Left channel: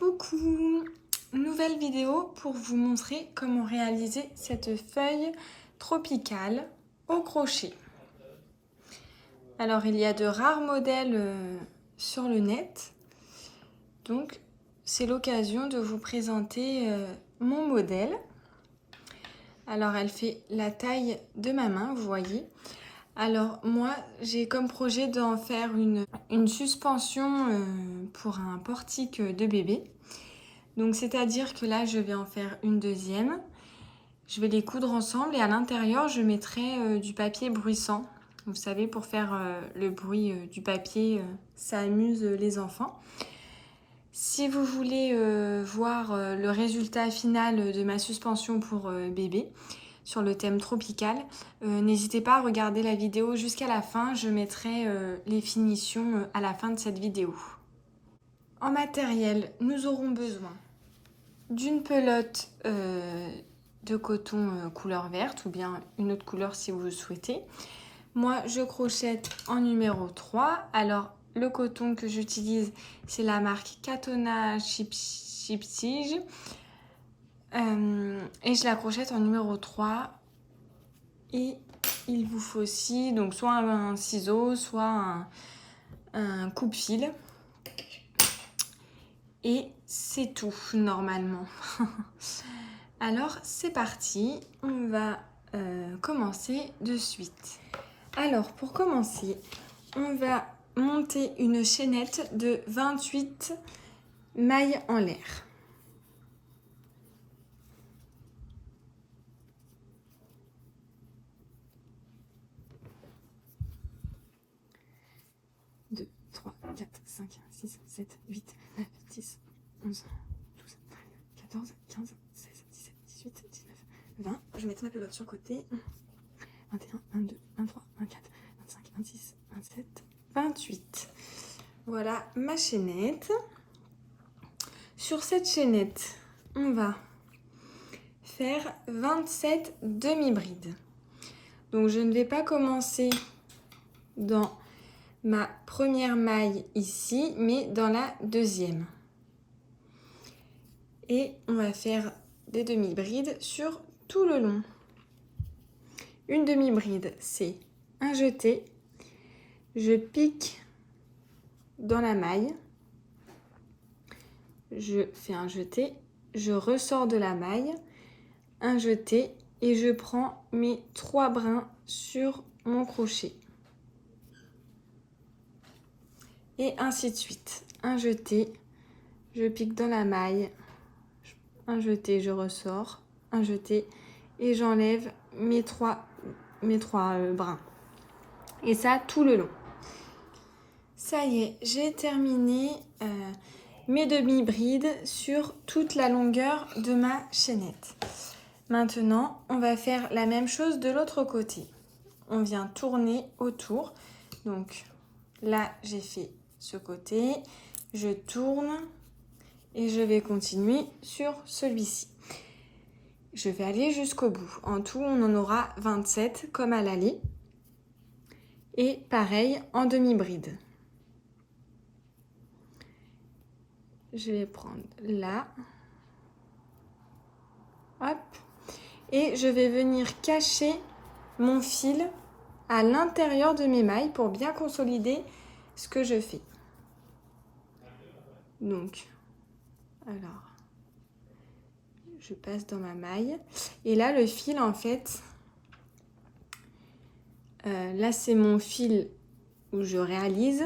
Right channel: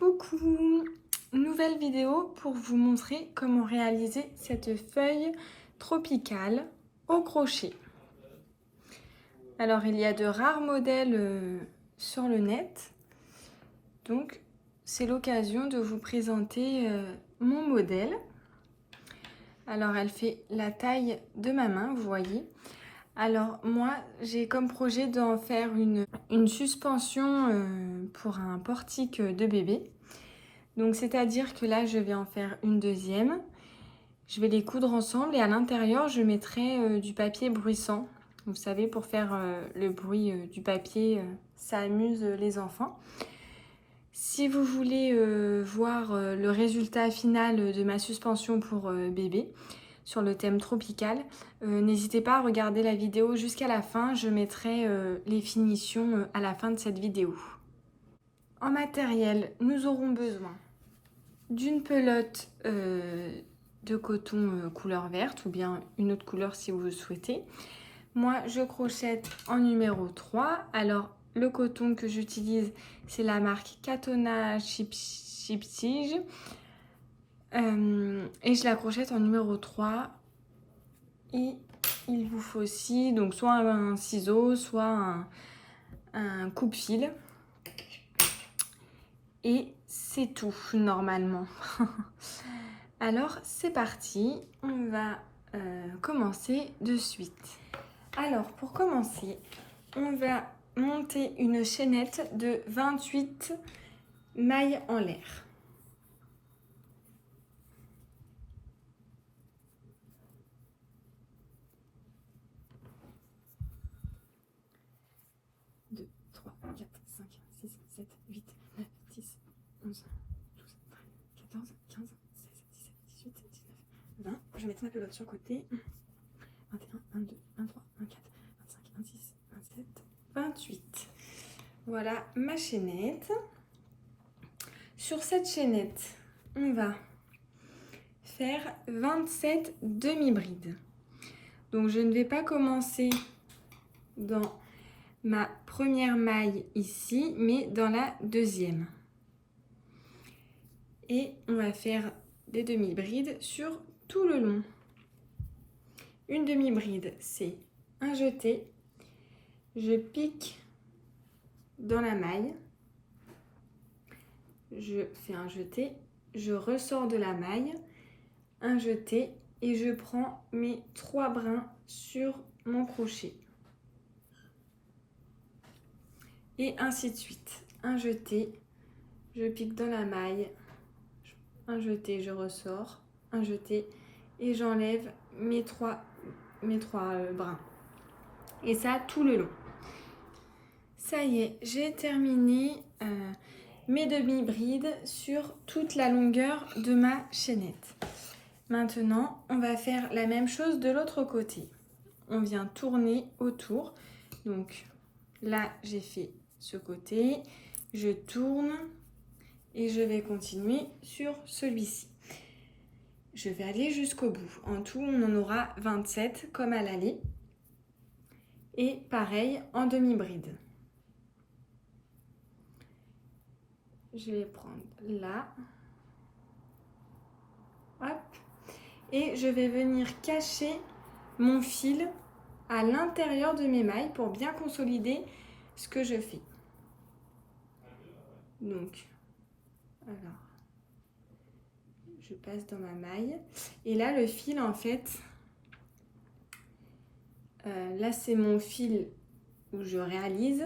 Coucou! Nouvelle vidéo pour vous montrer comment réaliser cette feuille tropicale au crochet. Alors il y a de rares modèles sur le net, donc c'est l'occasion de vous présenter mon modèle. Alors elle fait la taille de ma main, vous voyez. Alors moi j'ai comme projet d'en faire une suspension pour un portique de bébé. Donc c'est-à-dire que là je vais en faire une deuxième. Je vais les coudre ensemble et à l'intérieur je mettrai du papier bruissant. Vous savez, pour faire le bruit du papier, ça amuse les enfants. Si vous voulez voir le résultat final de ma suspension pour bébé sur le thème tropical, n'hésitez pas à regarder la vidéo jusqu'à la fin. Je mettrai les finitions à la fin de cette vidéo. En matériel, nous aurons besoin d'une pelote de coton couleur verte ou bien une autre couleur si vous le souhaitez. Moi, je crochette en numéro 3. Alors, le coton que j'utilise, c'est la marque Katona Chiptige. Et je la crochette en numéro 3. Et il vous faut aussi donc soit un ciseau, soit un coupe-fil. Et c'est tout, normalement. Alors, c'est parti. On va commencer de suite. Alors, pour commencer, on va monter une chaînette de 28 mailles en l'air. Deux, 3, 4, 5, 6, 7, 8, 9, 10, 11, 12, 13, 14, 15, 16, 17, 18, 19, 20. Je vais mettre ma pelote sur le côté. 21, 22, 23, 24, 25, 26, 27, 28. Voilà ma chaînette. Sur cette chaînette, on va faire 27 demi-brides. Donc je ne vais pas commencer dans ma première maille ici, mais dans la deuxième. Et on va faire des demi-brides sur tout le long. Une demi-bride, c'est un jeté. Je pique dans la maille. Je fais un jeté. Je ressors de la maille. Un jeté. Et je prends mes 3 brins sur mon crochet. Et ainsi de suite. Un jeté. Je pique dans la maille. Un jeté, je ressors. Un jeté. Et j'enlève mes trois brins. Et ça tout le long. Ça y est, j'ai terminé mes demi-brides sur toute la longueur de ma chaînette. Maintenant, on va faire la même chose de l'autre côté. On vient tourner autour. Donc là, j'ai fait ce côté. Je tourne et je vais continuer sur celui-ci. Je vais aller jusqu'au bout. En tout, on en aura 27 comme à l'aller. Et pareil en demi-bride. Je vais prendre là. Hop. Et je vais venir cacher mon fil à l'intérieur de mes mailles pour bien consolider ce que je fais. Donc, alors, je passe dans ma maille. Et là, le fil, en fait, là, c'est mon fil où je réalise.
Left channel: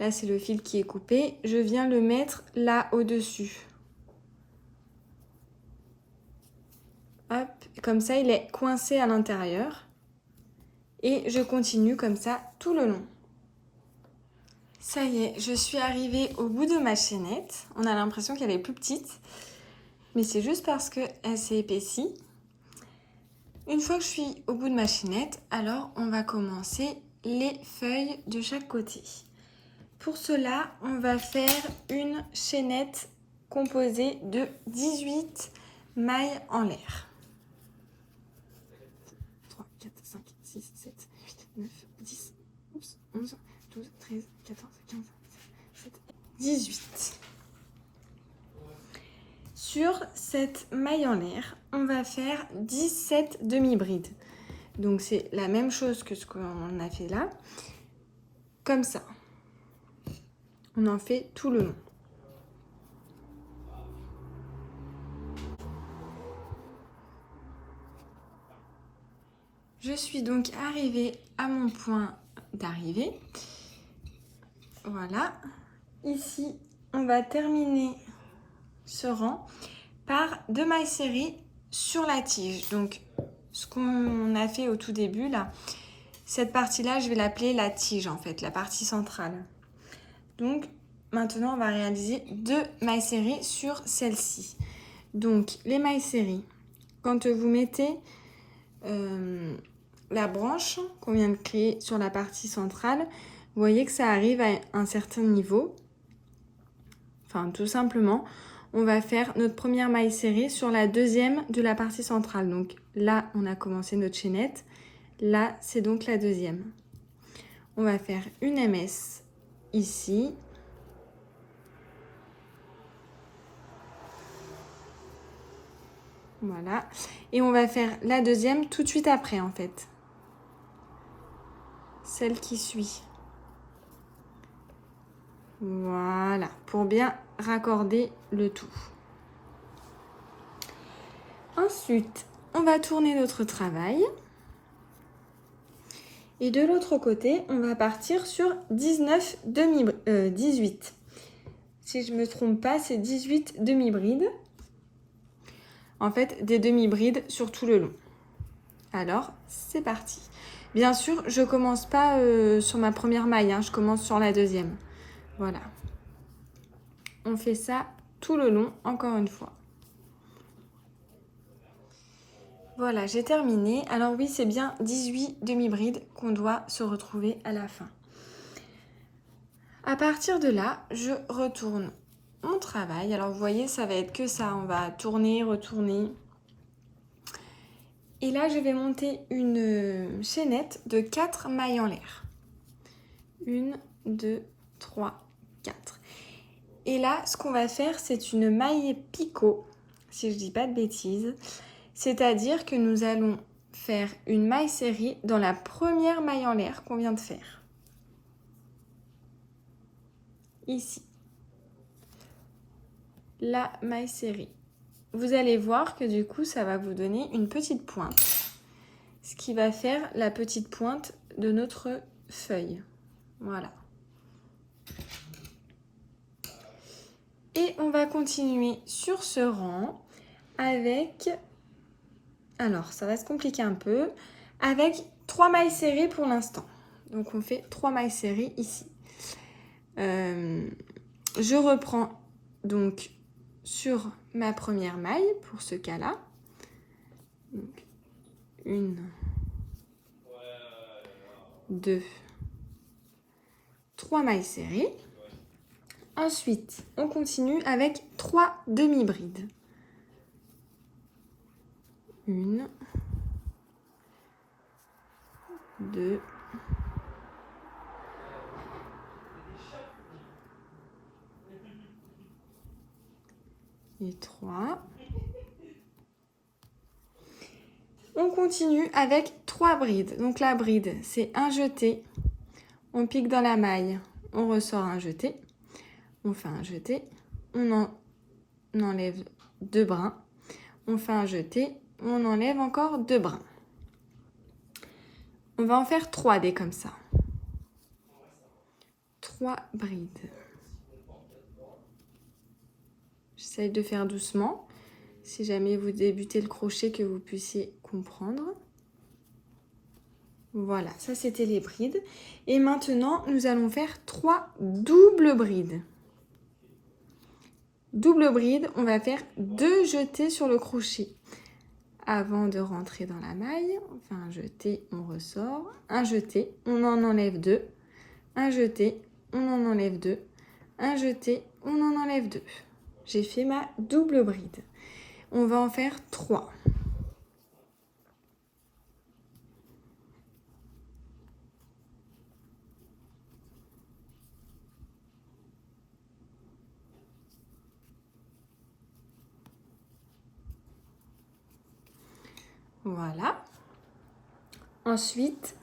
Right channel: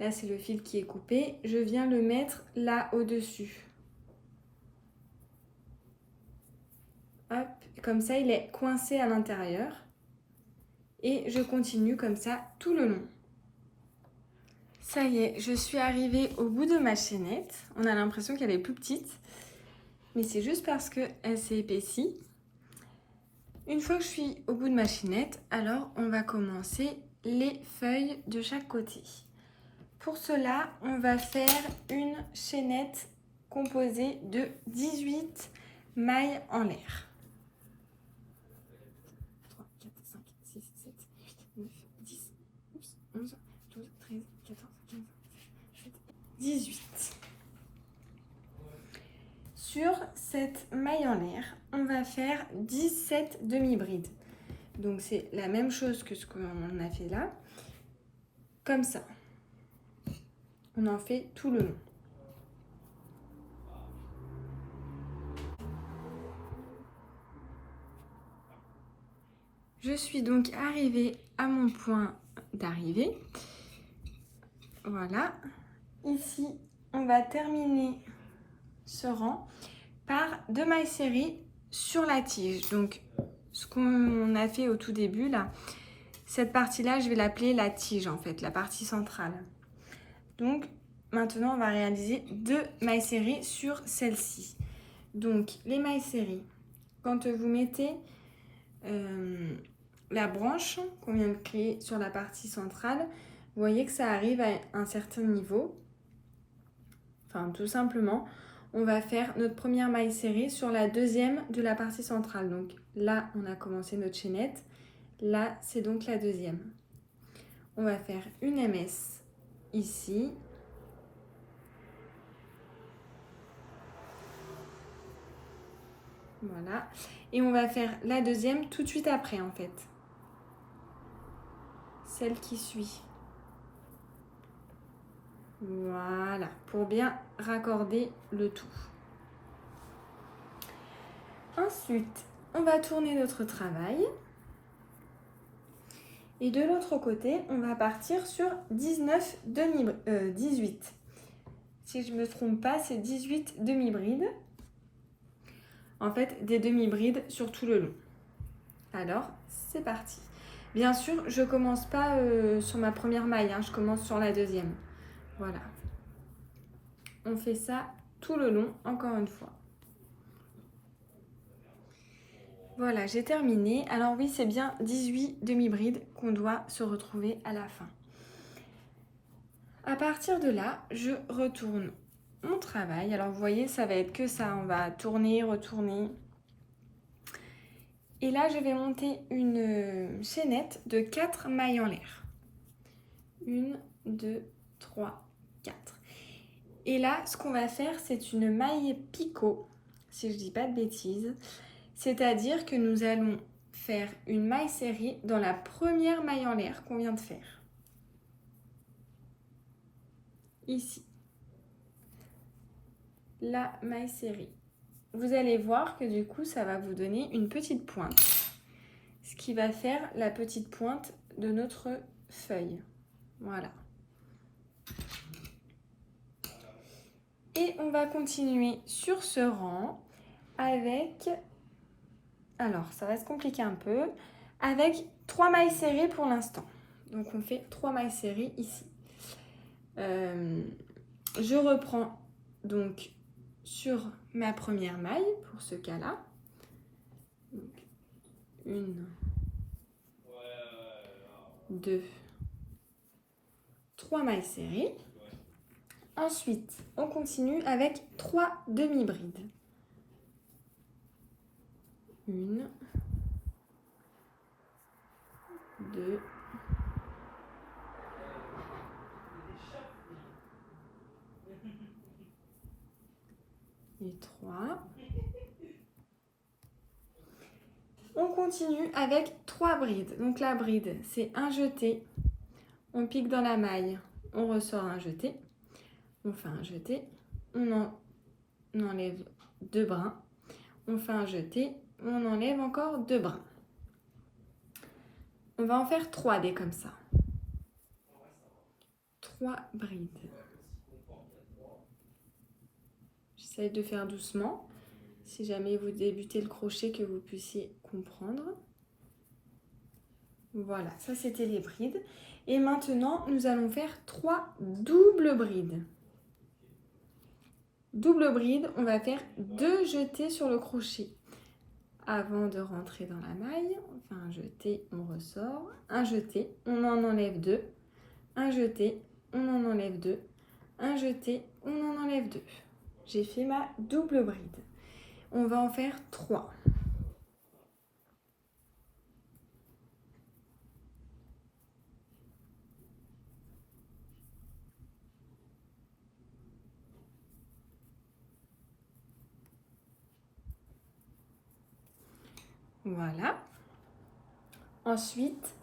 Là, c'est le fil qui est coupé. Je viens le mettre là au-dessus. Hop, comme ça, il est coincé à l'intérieur. Et je continue comme ça tout le long. Ça y est, je suis arrivée au bout de ma chaînette. On a l'impression qu'elle est plus petite, mais c'est juste parce qu'elle s'est épaissie. Une fois que je suis au bout de ma chaînette, alors on va commencer les feuilles de chaque côté. Pour cela, on va faire une chaînette composée de 18 mailles en l'air. 3, 4, 5, 6, 7, 8, 9, 10, 11, 12, 13, 14, 15, 16, 17, 18. cette maille en l'air, on va faire 17 demi-brides. Donc c'est la même chose que ce qu'on a fait là. Comme ça. On en fait tout le long. Je suis donc arrivée à mon point d'arrivée. Voilà. Ici, on va terminer ce rang par 2 mailles serrées sur la tige. Donc, ce qu'on a fait au tout début, là, cette partie-là, je vais l'appeler la tige, en fait, la partie centrale. Donc, maintenant, on va réaliser 2 mailles serrées sur celle-ci. Donc, les mailles serrées, quand vous mettez la branche qu'on vient de créer sur la partie centrale, vous voyez que ça arrive à un certain niveau. Enfin, tout simplement, on va faire notre première maille serrée sur la deuxième de la partie centrale. Donc là, on a commencé notre chaînette. Là, c'est donc la deuxième. On va faire une MS ici. Voilà. Et on va faire la deuxième tout de suite après, en fait. Celle qui suit. Voilà, pour bien raccorder le tout. Ensuite, on va tourner notre travail. Et de l'autre côté, on va partir sur 18. Si je ne me trompe pas, c'est 18 demi-brides. En fait, des demi-brides sur tout le long. Alors, c'est parti. Bien sûr, je ne commence pas sur ma première maille, hein, je commence sur la deuxième. Voilà. On fait ça tout le long, encore une fois. Voilà, j'ai terminé. Alors oui, c'est bien 18 demi-brides qu'on doit se retrouver à la fin. À partir de là, je retourne mon travail. Alors vous voyez, ça va être que ça. On va tourner, retourner. Et là, je vais monter une chaînette de 4 mailles en l'air. 1, 2, 3, 4. Et là, ce qu'on va faire, c'est une maille picot, si je ne dis pas de bêtises. C'est-à-dire que nous allons faire une maille serrée dans la première maille en l'air qu'on vient de faire. Ici. La maille serrée. Vous allez voir que du coup, ça va vous donner une petite pointe. Ce qui va faire la petite pointe de notre feuille. Voilà. Et on va continuer sur ce rang avec... Alors, ça va se compliquer un peu. Avec 3 mailles serrées pour l'instant. Donc, on fait 3 mailles serrées ici. Je reprends donc sur ma première maille pour ce cas-là. 1, 2, 3 mailles serrées. Ensuite, on continue avec 3 demi-brides. 1, 2, et 3. On continue avec 3 brides. Donc la bride, c'est un jeté. On pique dans la maille, on ressort un jeté. On fait un jeté. On enlève 2 brins. On fait un jeté. On enlève encore 2 brins. On va en faire 3 dés comme ça. 3 brides. J'essaie de faire doucement. Si jamais vous débutez le crochet, que vous puissiez comprendre. Voilà, ça c'était les brides. Et maintenant, nous allons faire 3 doubles brides. Double bride, on va faire 2 jetés sur le crochet. Avant de rentrer dans la maille, on fait un jeté, on ressort. Un jeté, on en enlève 2. Un jeté, on en enlève 2. Un jeté, on en enlève 2. J'ai fait ma double bride. On va en faire 3. Voilà. Ensuite,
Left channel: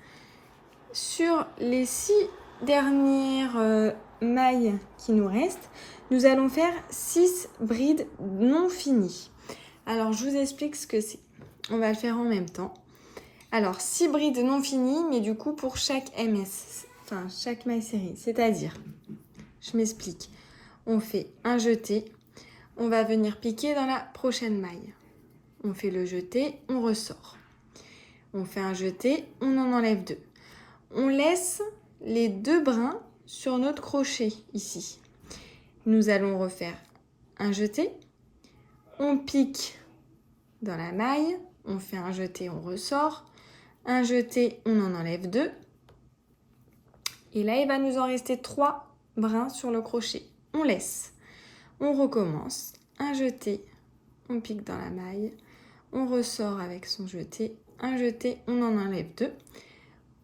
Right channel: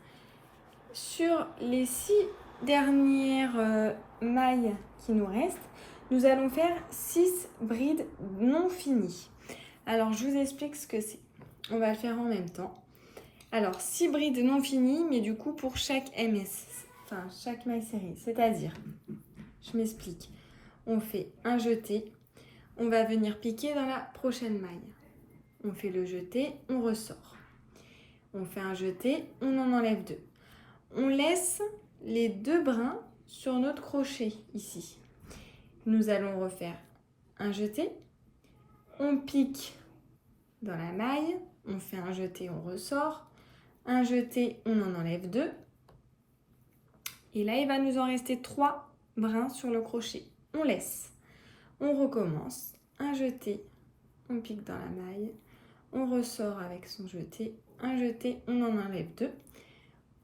sur les 6 dernières mailles qui nous restent, nous allons faire 6 brides non finies. Alors, je vous explique ce que c'est. On va le faire en même temps. Alors, 6 brides non finies, mais du coup pour chaque MS, enfin chaque maille série. C'est-à-dire, je m'explique. On fait un jeté, on va venir piquer dans la prochaine maille. On fait le jeté, on ressort. On fait un jeté, on en enlève 2. On laisse les 2 brins sur notre crochet ici. Nous allons refaire un jeté, on pique dans la maille, on fait un jeté, on ressort, un jeté, on en enlève 2. Et là, il va nous en rester 3 brins sur le crochet. On laisse, on recommence, un jeté, on pique dans la maille, on ressort avec son jeté, un jeté, on en enlève 2.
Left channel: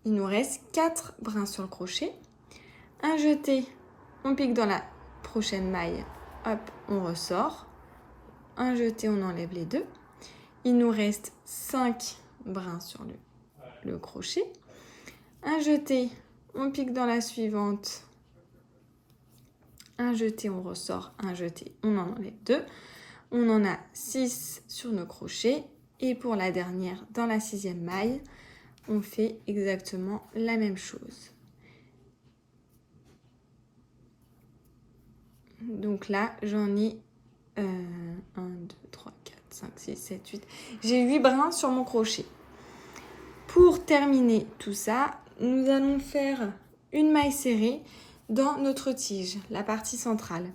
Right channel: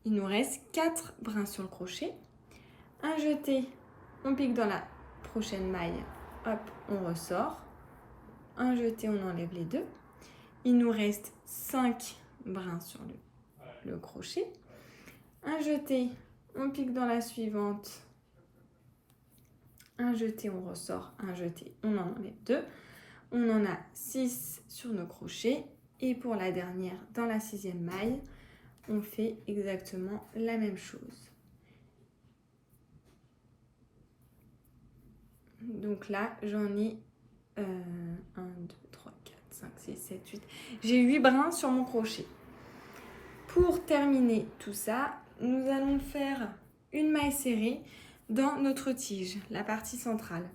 Il nous reste 4 brins sur le crochet. Un jeté, on pique dans la prochaine maille, hop, on ressort. Un jeté, on enlève les 2. Il nous reste 5 brins sur le crochet. Un jeté, on pique dans la suivante. Un jeté, on ressort. Un jeté, on en enlève 2. On en a 6 sur nos crochets. Et pour la dernière, dans la 6e maille, on fait exactement la même chose. Donc là, j'en ai 1, 2, 3, 4, 5, 6, 7, 8. J'ai 8 brins sur mon crochet. Pour terminer tout ça, nous allons faire une maille serrée dans notre tige, la partie centrale.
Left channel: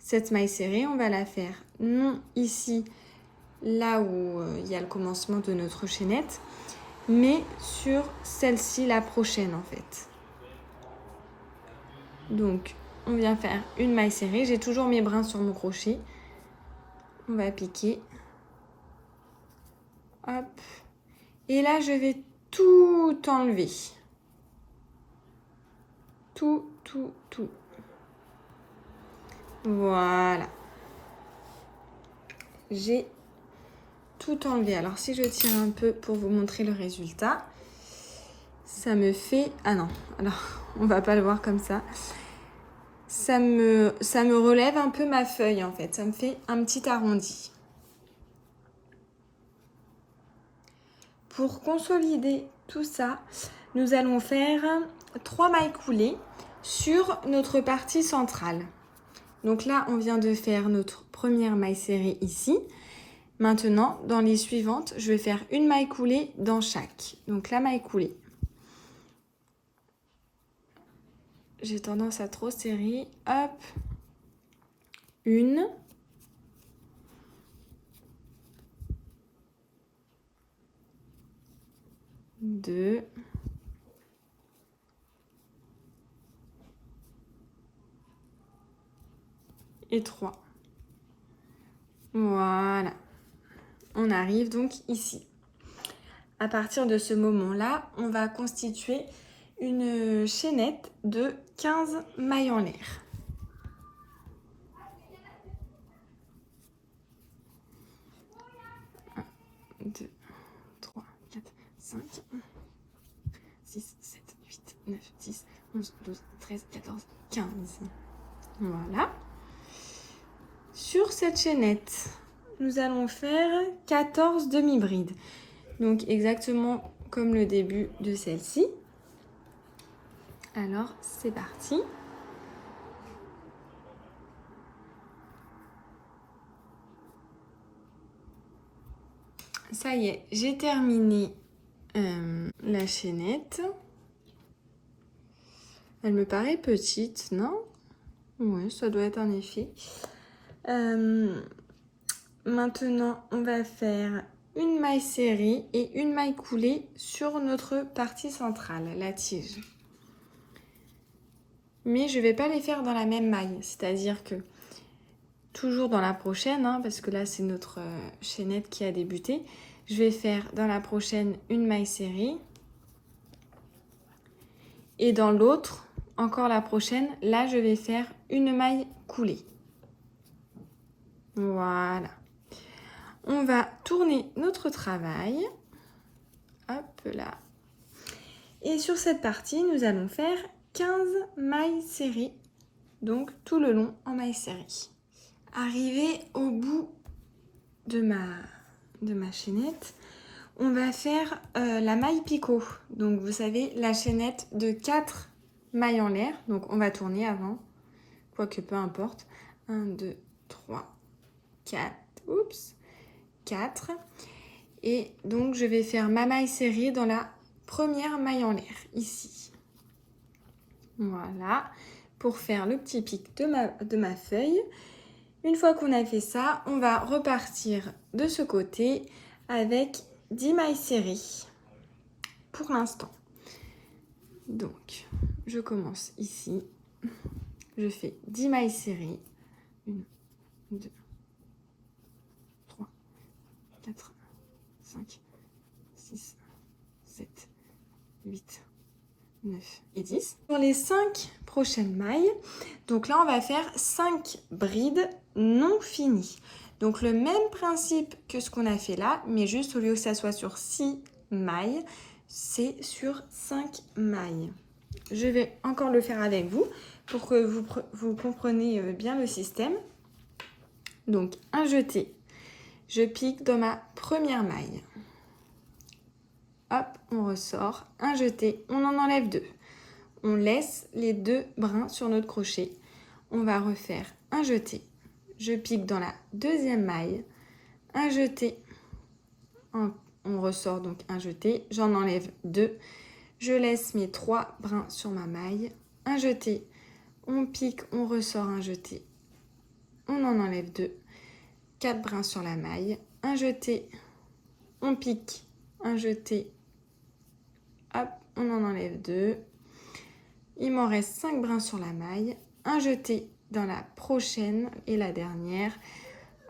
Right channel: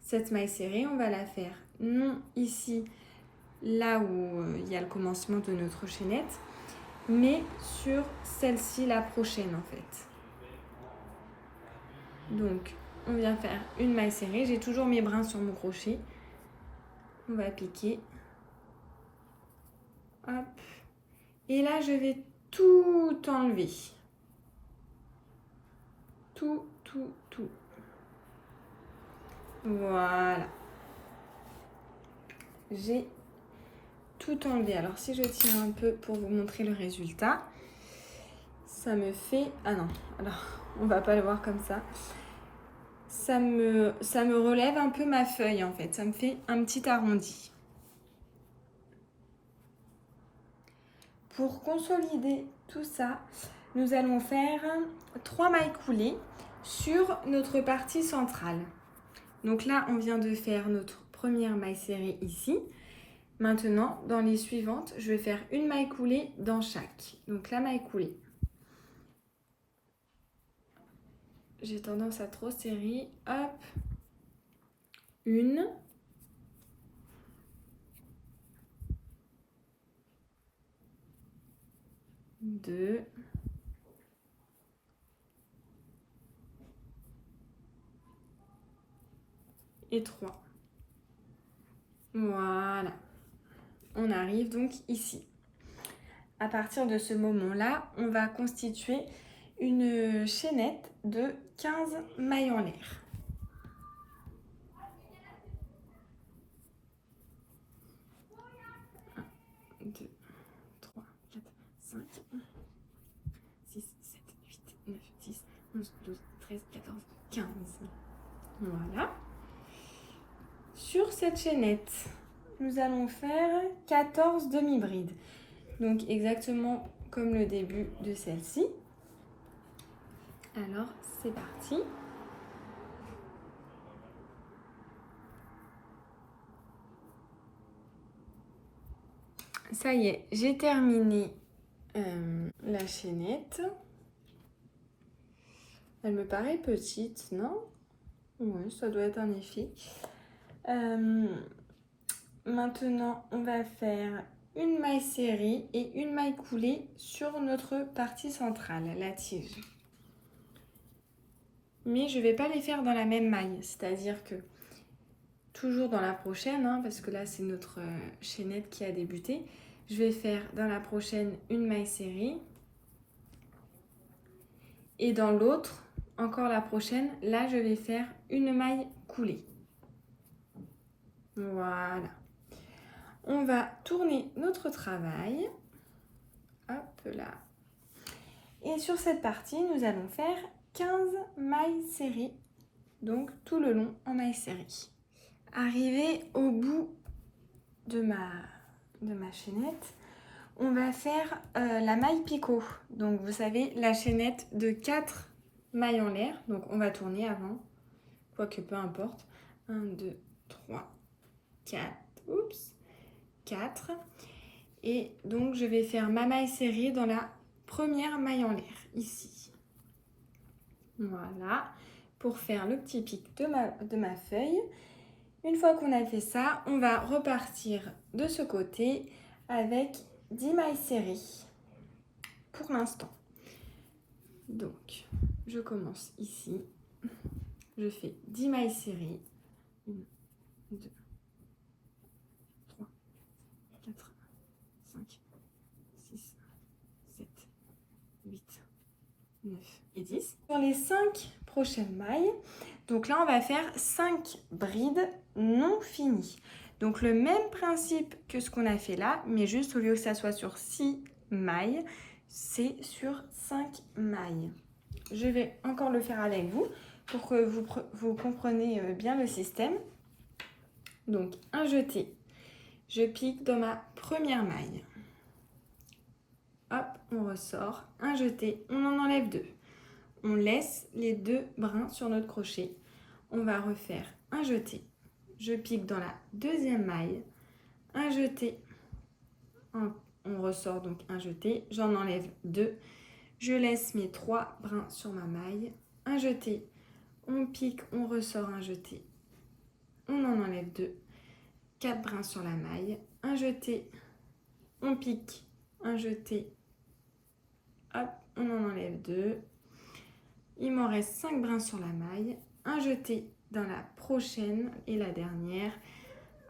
Cette maille serrée, on va la faire non ici, là où il y a le commencement de notre chaînette, mais sur celle-ci, la prochaine en fait. Donc, on vient faire une maille serrée. J'ai toujours mes brins sur mon crochet. On va piquer. Hop. Et là, je vais tout enlever. Tout. Voilà. J'ai tout enlevé. Alors, si je tire un peu pour vous montrer le résultat, ça me fait... Ah non, alors, on va pas le voir comme ça. Ça me relève un peu ma feuille, en fait. Ça me fait un petit arrondi. Pour consolider tout ça, nous allons faire 3 mailles coulées sur notre partie centrale. Donc là, on vient de faire notre première maille serrée ici. Maintenant, dans les suivantes, je vais faire une maille coulée dans chaque. Donc la maille coulée. J'ai tendance à trop serrer. Hop. 1. 2. Et 3. Voilà. On arrive donc ici. À partir de ce moment-là, on va constituer une chaînette de 15 mailles en l'air. 1, 2, 3, 4, 5, 6, 7, 8, 9, 10, 11, 12, 13, 14, 15. Voilà. Sur cette chaînette, nous allons faire 14 demi-brides. Donc exactement comme le début de celle-ci. Alors, c'est parti. Ça y est, j'ai terminé la chaînette. Elle me paraît petite, non? Oui, ça doit être en effet. Maintenant, on va faire une maille serrée et une maille coulée sur notre partie centrale, la tige. Mais je ne vais pas les faire dans la même maille, c'est-à-dire que toujours dans la prochaine, hein, parce que là c'est notre chaînette qui a débuté, je vais faire dans la prochaine une maille serrée et dans l'autre, encore la prochaine, là je vais faire une maille coulée. Voilà. On va tourner notre travail. Hop là. Et sur cette partie, nous allons faire 15 mailles serrées, donc tout le long en mailles serrées. Arrivé au bout de ma chaînette, on va faire la maille picot. Donc vous savez, la chaînette de 4 mailles en l'air. Donc on va tourner avant, quoique peu importe. 1, 2, 3, 4, oups, 4. Et donc je vais faire ma maille serrée dans la première maille en l'air, ici. Voilà, pour faire le petit pic de ma feuille. Une fois qu'on a fait ça, on va repartir de ce côté avec 10 mailles serrées pour l'instant. Donc, je commence ici. Je fais 10 mailles serrées. 1, 2, 3, 4, 5, 6, 7, 8, 9 et 10. Pour les 5 prochaines mailles, donc là on va faire 5 brides non finies. Donc le même principe que ce qu'on a fait là, mais juste au lieu que ça soit sur 6 mailles, c'est sur 5 mailles. Je vais encore le faire avec vous pour que vous compreniez bien le système. Donc un jeté, je pique dans ma première maille. Hop, on ressort, un jeté, on en enlève 2. On laisse les 2 brins sur notre crochet. On va refaire un jeté. Je pique dans la deuxième maille, un jeté, on ressort donc un jeté, j'en enlève 2. Je laisse mes 3 brins sur ma maille, un jeté, on pique, on ressort un jeté, on en enlève 2. 4 brins sur la maille, un jeté, on pique, un jeté, hop, on en enlève 2. Il m'en reste 5 brins sur la maille, un jeté dans la prochaine et la dernière.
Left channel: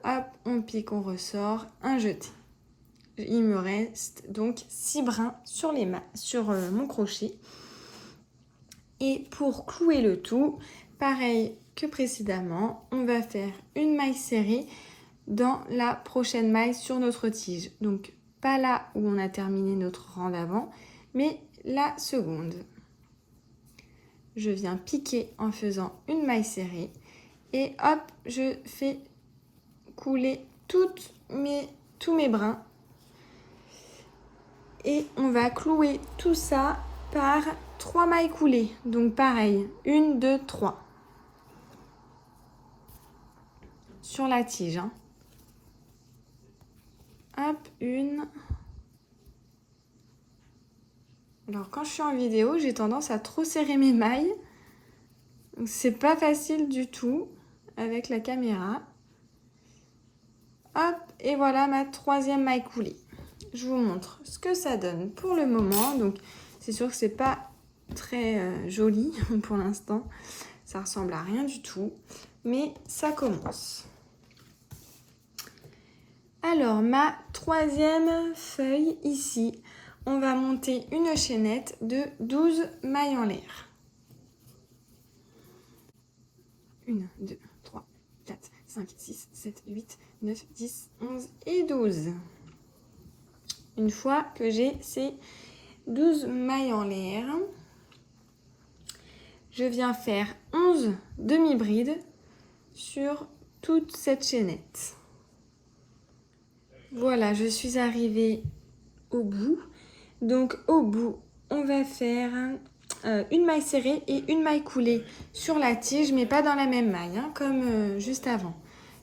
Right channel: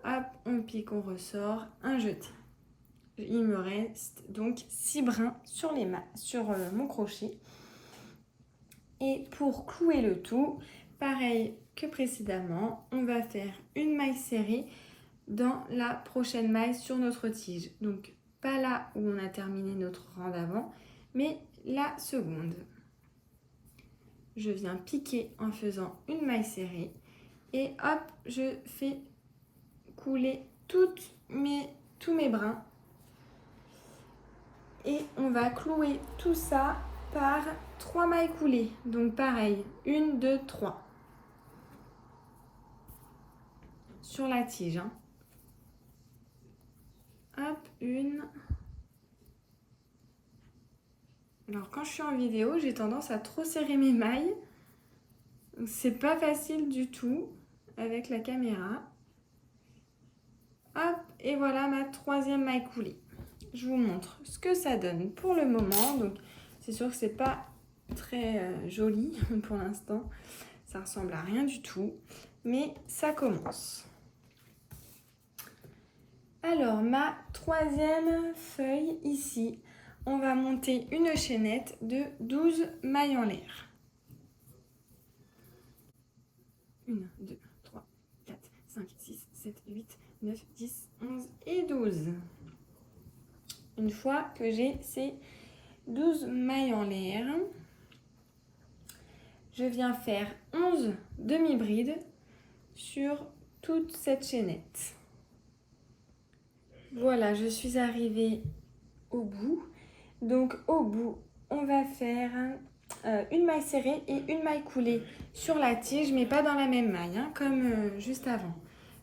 Hop, on pique, on ressort, un jeté. Il me reste donc 6 brins sur mon crochet. Et pour clouer le tout, pareil que précédemment, on va faire une maille serrée dans la prochaine maille sur notre tige. Donc pas là où on a terminé notre rang d'avant, mais la seconde. Je viens piquer en faisant une maille serrée et hop, je fais couler tous mes brins et on va clouer tout ça par 3 mailles coulées. Donc pareil, 1, 2, 3 sur la tige. Hein. Hop, une. Alors quand je suis en vidéo, j'ai tendance à trop serrer mes mailles. C'est pas facile du tout avec la caméra. Hop, et voilà ma 3e maille coulée. Je vous montre ce que ça donne pour le moment. Donc c'est sûr que c'est pas très joli pour l'instant. Ça ressemble à rien du tout, mais ça commence. Alors ma 3e feuille ici, on va monter une chaînette de 12 mailles en l'air. 1, 2, 3, 4, 5, 6, 7, 8, 9, 10, 11 et 12. Une fois que j'ai ces 12 mailles en l'air, je viens faire 11 demi-brides sur toute cette chaînette. Voilà, je suis arrivée au bout. Donc au bout, on va faire une maille serrée et une maille coulée sur la tige, mais pas dans la même maille, hein, comme juste avant.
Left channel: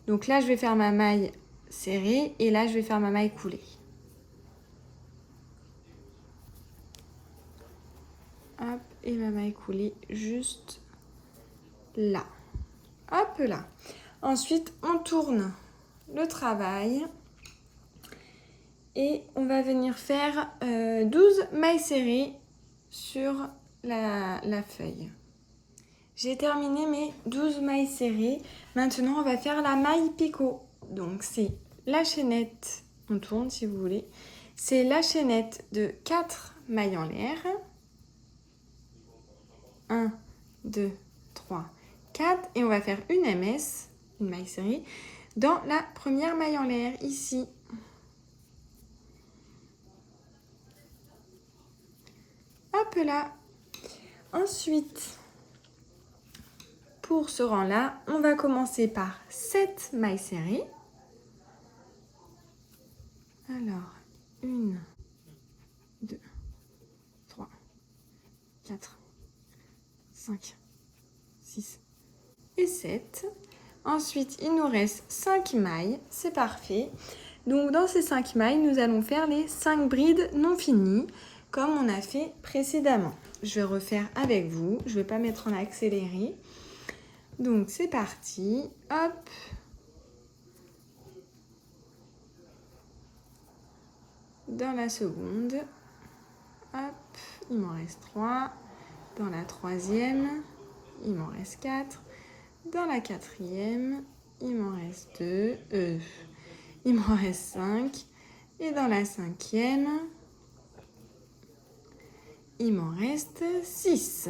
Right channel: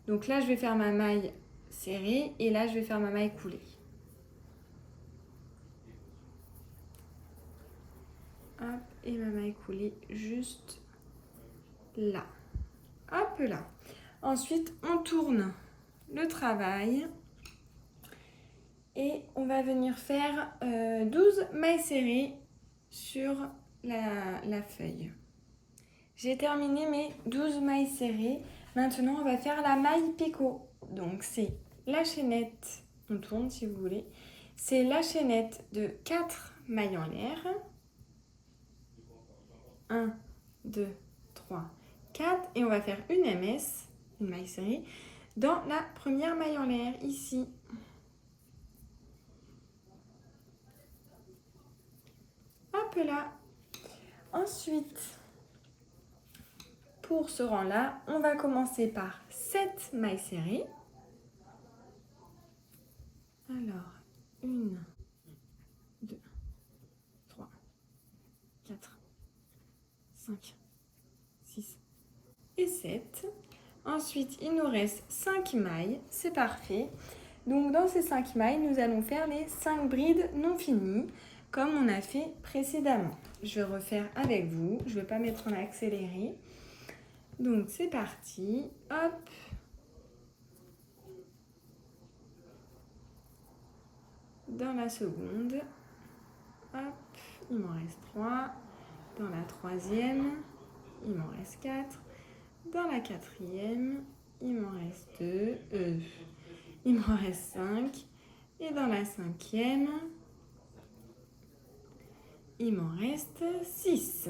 Donc là, je vais faire ma maille serrée et là, je vais faire ma maille coulée. Hop, et ma maille coulée juste là. Hop là. Ensuite, on tourne le travail et on va venir faire 12 mailles serrées sur la feuille. J'ai terminé mes 12 mailles serrées. Maintenant, on va faire la maille picot. Donc, c'est la chaînette, on tourne si vous voulez. C'est la chaînette de 4 mailles en l'air. 1, 2, 3, 4. Et on va faire une MS, une maille serrée, dans la première maille en l'air, ici. là. Ensuite, pour ce rang-là, on va commencer par 7 mailles serrées. Alors, 1, 2, 3, 4, 5, 6 et 7. Ensuite, il nous reste 5 mailles, c'est parfait. Donc, dans ces 5 mailles, nous allons faire les 5 brides non finies, comme on a fait précédemment. Je vais refaire avec vous, je ne vais pas mettre en accéléré. Donc, c'est parti, hop. Dans la seconde, hop, il m'en reste 3. Dans la troisième, il m'en reste 4. Dans la quatrième, il m'en reste 2. Il m'en reste 5. Et dans la cinquième, il m'en reste 6.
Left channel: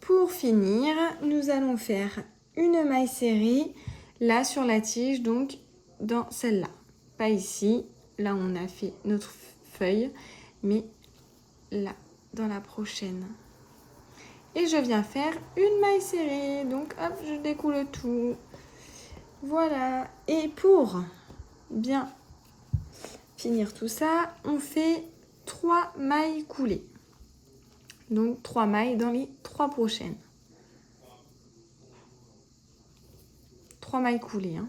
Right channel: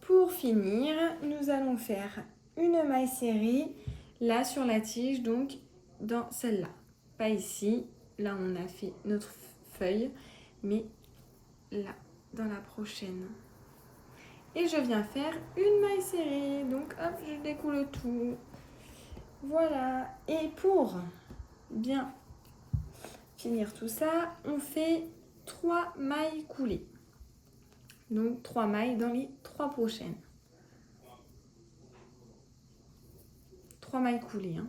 Pour finir, nous allons faire une maille serrée là sur la tige, donc dans celle-là. Pas ici, là on a fait notre feuille, mais là, dans la prochaine. Et je viens faire une maille serrée. Donc hop, je découle tout. Voilà. Et pour bien finir tout ça, on fait 3 mailles coulées. Donc 3 mailles dans les 3 prochaines. 3 mailles coulées. Hein.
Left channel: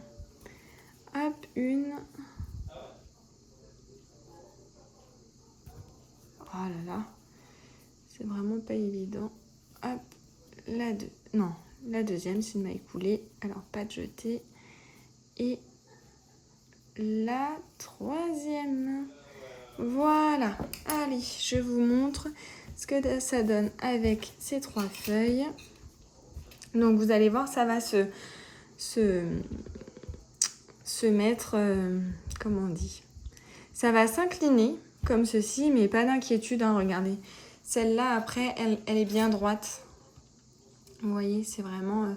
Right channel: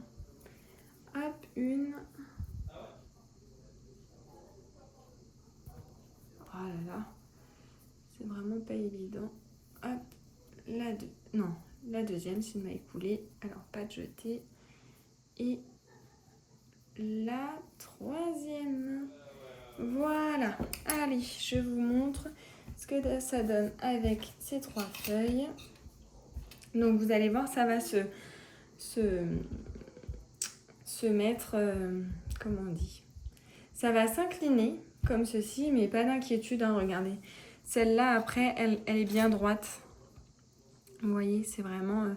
Hop, une. Oh là là. C'est vraiment pas évident. Hop, la deuxième, c'est une maille coulée. Alors, pas de jeté. Et la troisième. Voilà. Allez, je vous montre ce que ça donne avec ces 3 feuilles. Donc, vous allez voir, ça va se mettre, comment on dit, ça va s'incliner comme ceci, mais pas d'inquiétude, hein, regardez. Celle-là, après, elle est bien droite. Vous voyez, c'est vraiment...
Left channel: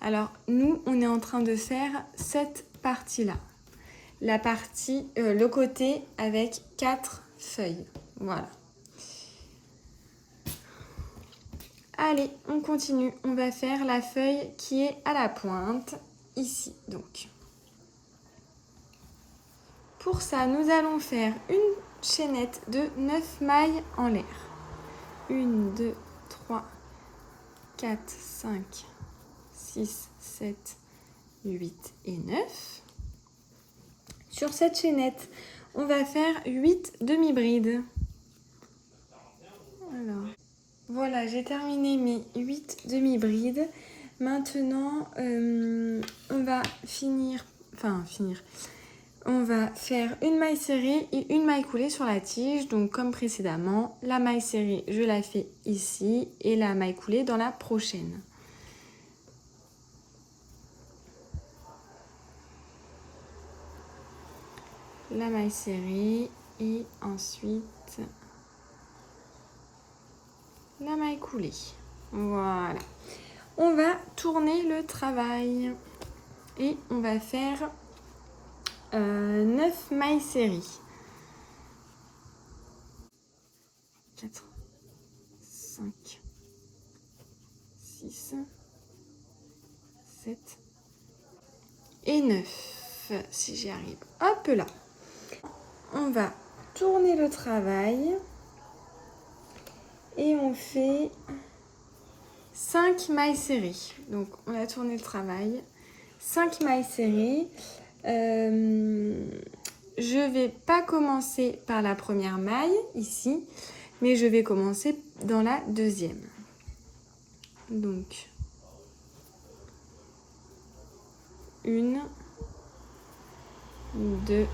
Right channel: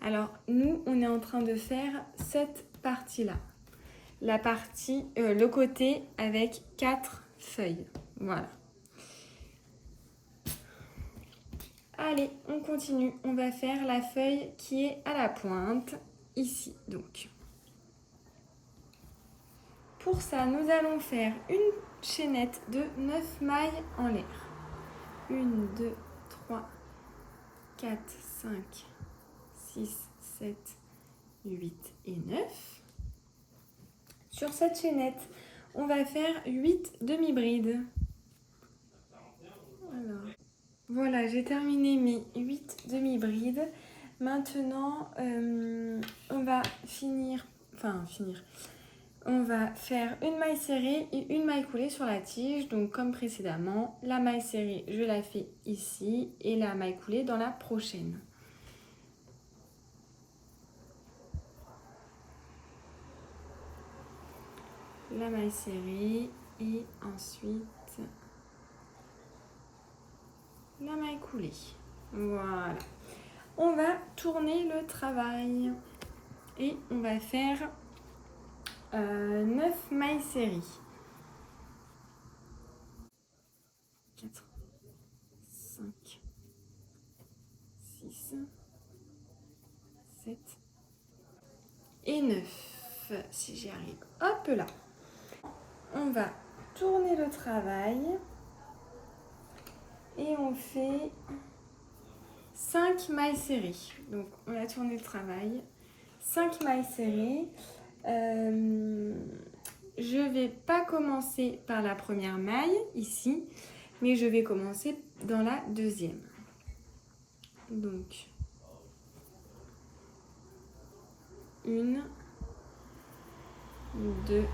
Alors, nous, on est en train de faire cette partie-là. La partie, le côté avec 4 feuilles. Voilà. Allez, on continue. On va faire la feuille qui est à la pointe, ici, donc. Pour ça, nous allons faire une chaînette de 9 mailles en l'air. 1, 2, 3, 4, 5, 6, 7, 8 et 9. Sur cette chaînette, on va faire 8 demi-brides. Voilà, j'ai terminé mes 8 demi-brides. Maintenant, on va on va faire une maille serrée et une maille coulée sur la tige. Donc comme précédemment, la maille serrée, je la fais ici et la maille coulée dans la prochaine. La maille serrée et ensuite la maille coulée. Voilà. On va tourner le travail et on va faire 9 mailles serrées. 4, 5, 6, 7 et 9, si j'y arrive. Hop là. On va tourner le travail et on fait 5 mailles serrées. Donc, on a tourné le travail. 5 mailles serrées. Je ne vais pas commencer par la première maille, ici, mais je vais commencer dans la deuxième. Donc, 1, 2.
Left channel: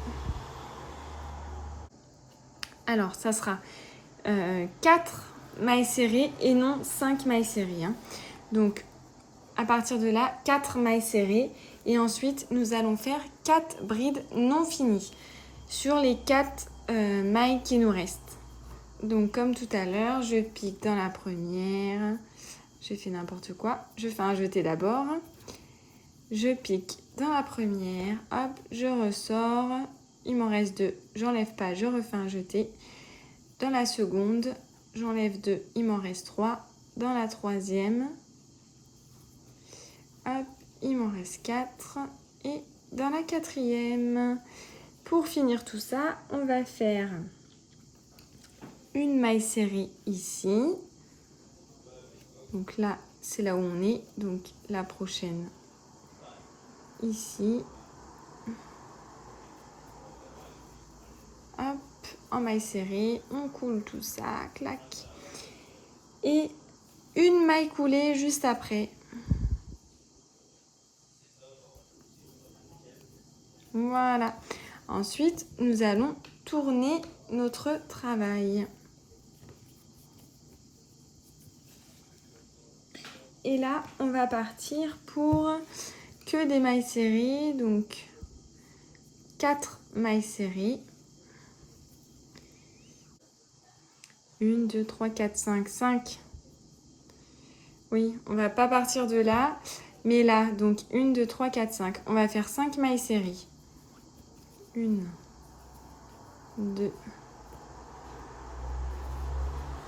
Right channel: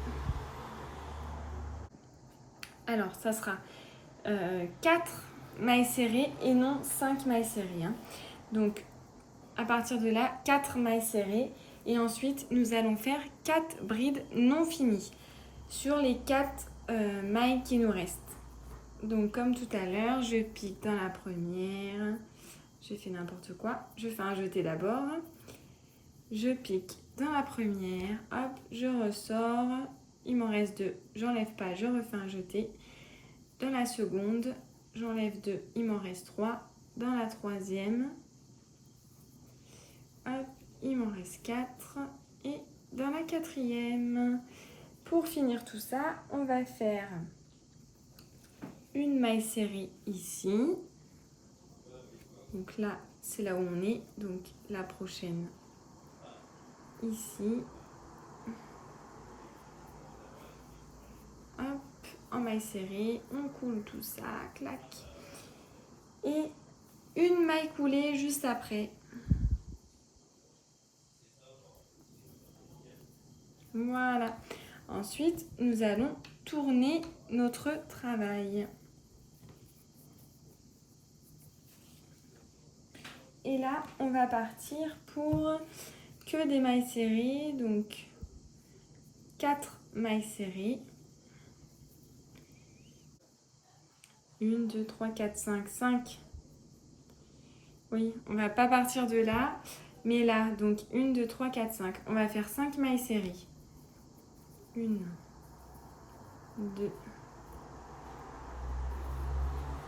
Alors, ça sera 4 mailles serrées et non 5 mailles serrées. Hein. Donc, à partir de là, 4 mailles serrées. Et ensuite, nous allons faire 4 brides non finies sur les 4 mailles qui nous restent. Donc, comme tout à l'heure, je pique dans la première. J'ai fait n'importe quoi. Je fais un jeté d'abord. Je pique dans la première. Hop, je ressors. Il m'en reste 2. J'enlève pas, je refais un jeté. Dans la seconde, j'enlève 2, il m'en reste 3. Dans la troisième, hop, il m'en reste 4. Et dans la quatrième, pour finir tout ça, on va faire une maille serrée ici. Donc là, c'est là où on est. Donc la prochaine, ici. Hop, en maille serrée, on coule tout ça, clac. Et une maille coulée juste après. Voilà. Ensuite, nous allons tourner notre travail. Et là, on va partir pour que des mailles serrées, donc 4 mailles serrées. 1, 2, 3, 4, 5, 5. Oui, on va pas partir de là, mais là, donc 1, 2, 3, 4, 5. On va faire 5 mailles serrées. 1, 2,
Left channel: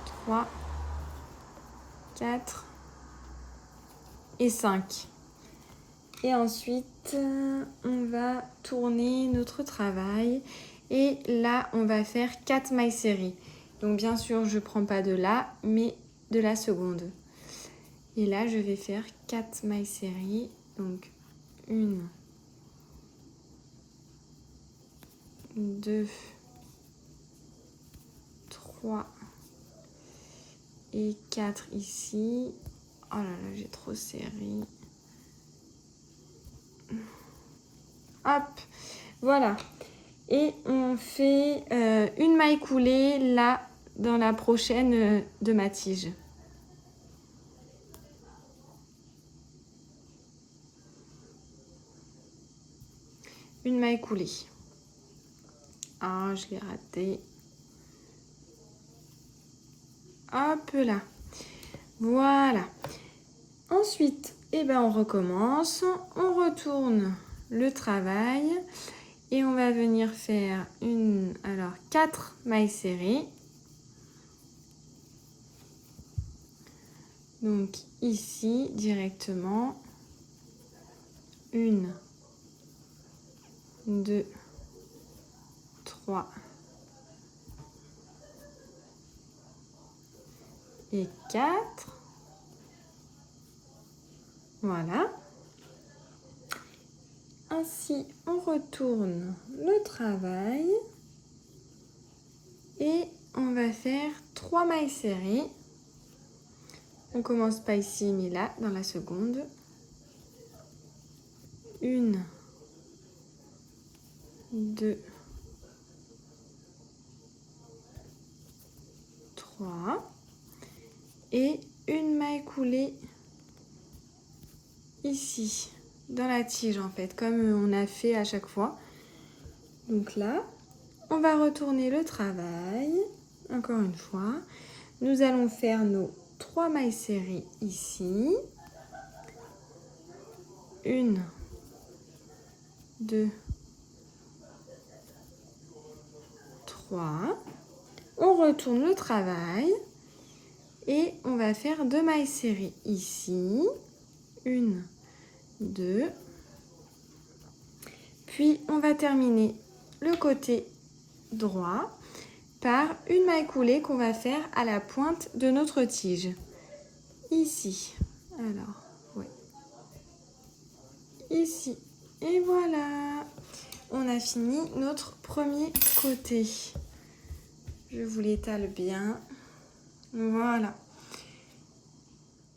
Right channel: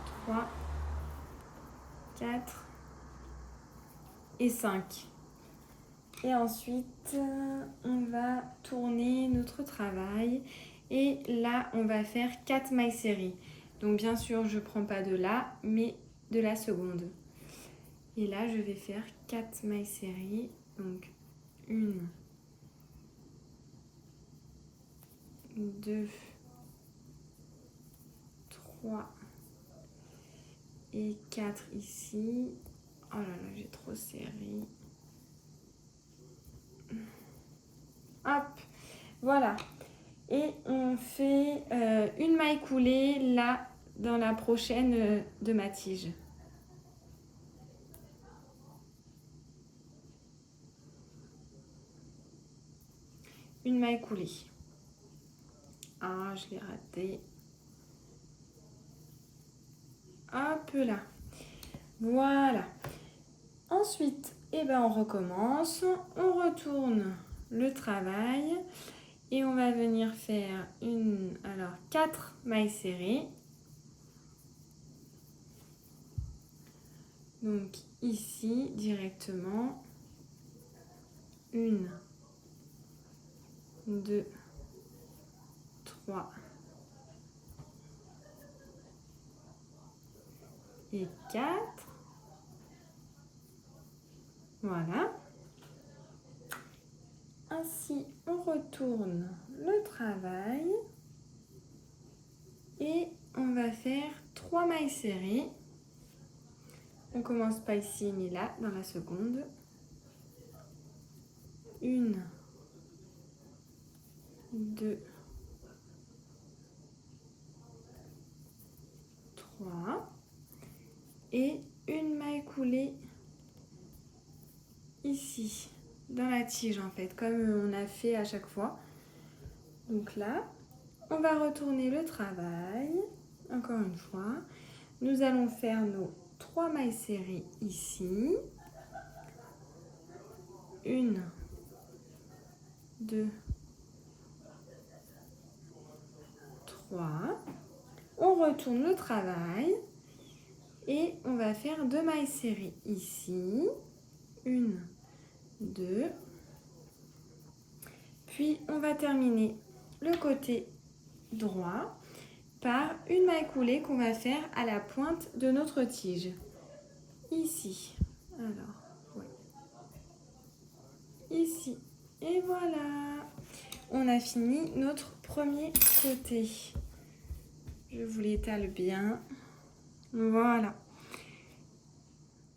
3, 4 et 5. Et ensuite, on va tourner notre travail. Et là, on va faire 4 mailles serrées. Donc, bien sûr, je ne prends pas de là, mais de la seconde. Et là, je vais faire 4 mailles serrées. Donc, 1, 2, 3 et 4 ici. Oh là là, j'ai trop serré. Hop, voilà. Et on fait une maille coulée là dans la prochaine de ma tige. Une maille coulée. Ah, je l'ai raté. Hop là. Voilà. Ensuite, eh ben, on recommence. On retourne le travail. Et on va venir faire 4 mailles serrées. Donc ici, directement. 1, 2, 3 et 4. Voilà. Ainsi, on retourne le travail et on va faire 3 mailles serrées. On commence pas ici, mais là, dans la seconde. 1, 2, 3 et une maille coulée ici, dans la tige en fait, comme on a fait à chaque fois. Donc là, on va retourner le travail, encore une fois. Nous allons faire nos 3 mailles serrées ici. 1, 2, 3. On retourne le travail et on va faire 2 mailles serrées ici. 1, 2. Puis on va terminer le côté droit par une maille coulée qu'on va faire à la pointe de notre tige. Ici. Alors, ouais. Ici. Et voilà. On a fini notre premier côté. Je vous l'étale bien. Voilà.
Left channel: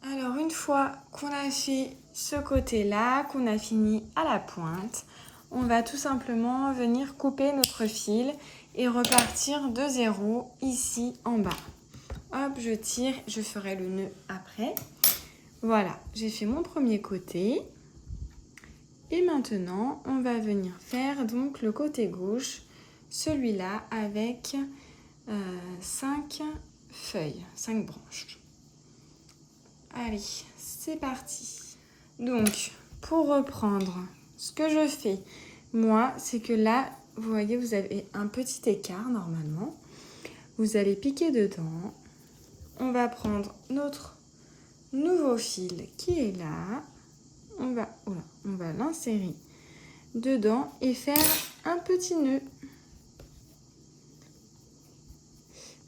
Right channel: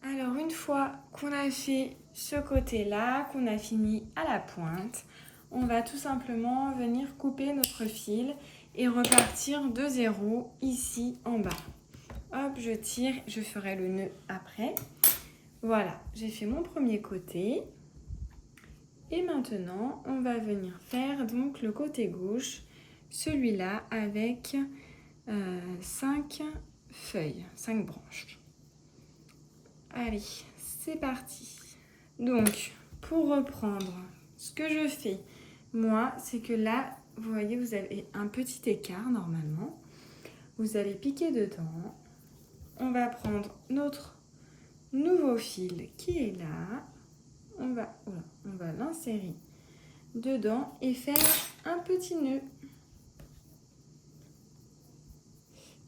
Alors, une fois qu'on a fait ce côté-là, qu'on a fini à la pointe, on va tout simplement venir couper notre fil et repartir de zéro ici en bas. Hop, je tire, je ferai le nœud après. Voilà, j'ai fait mon premier côté. Et maintenant, on va venir faire donc le côté gauche, celui-là avec 5 feuilles, 5 branches. Allez, c'est parti. Donc, pour reprendre, ce que je fais, moi, c'est que là, vous voyez, vous avez un petit écart normalement. Vous allez piquer dedans. on va prendre notre nouveau fil qui est là. On va l'insérer dedans et faire un petit nœud.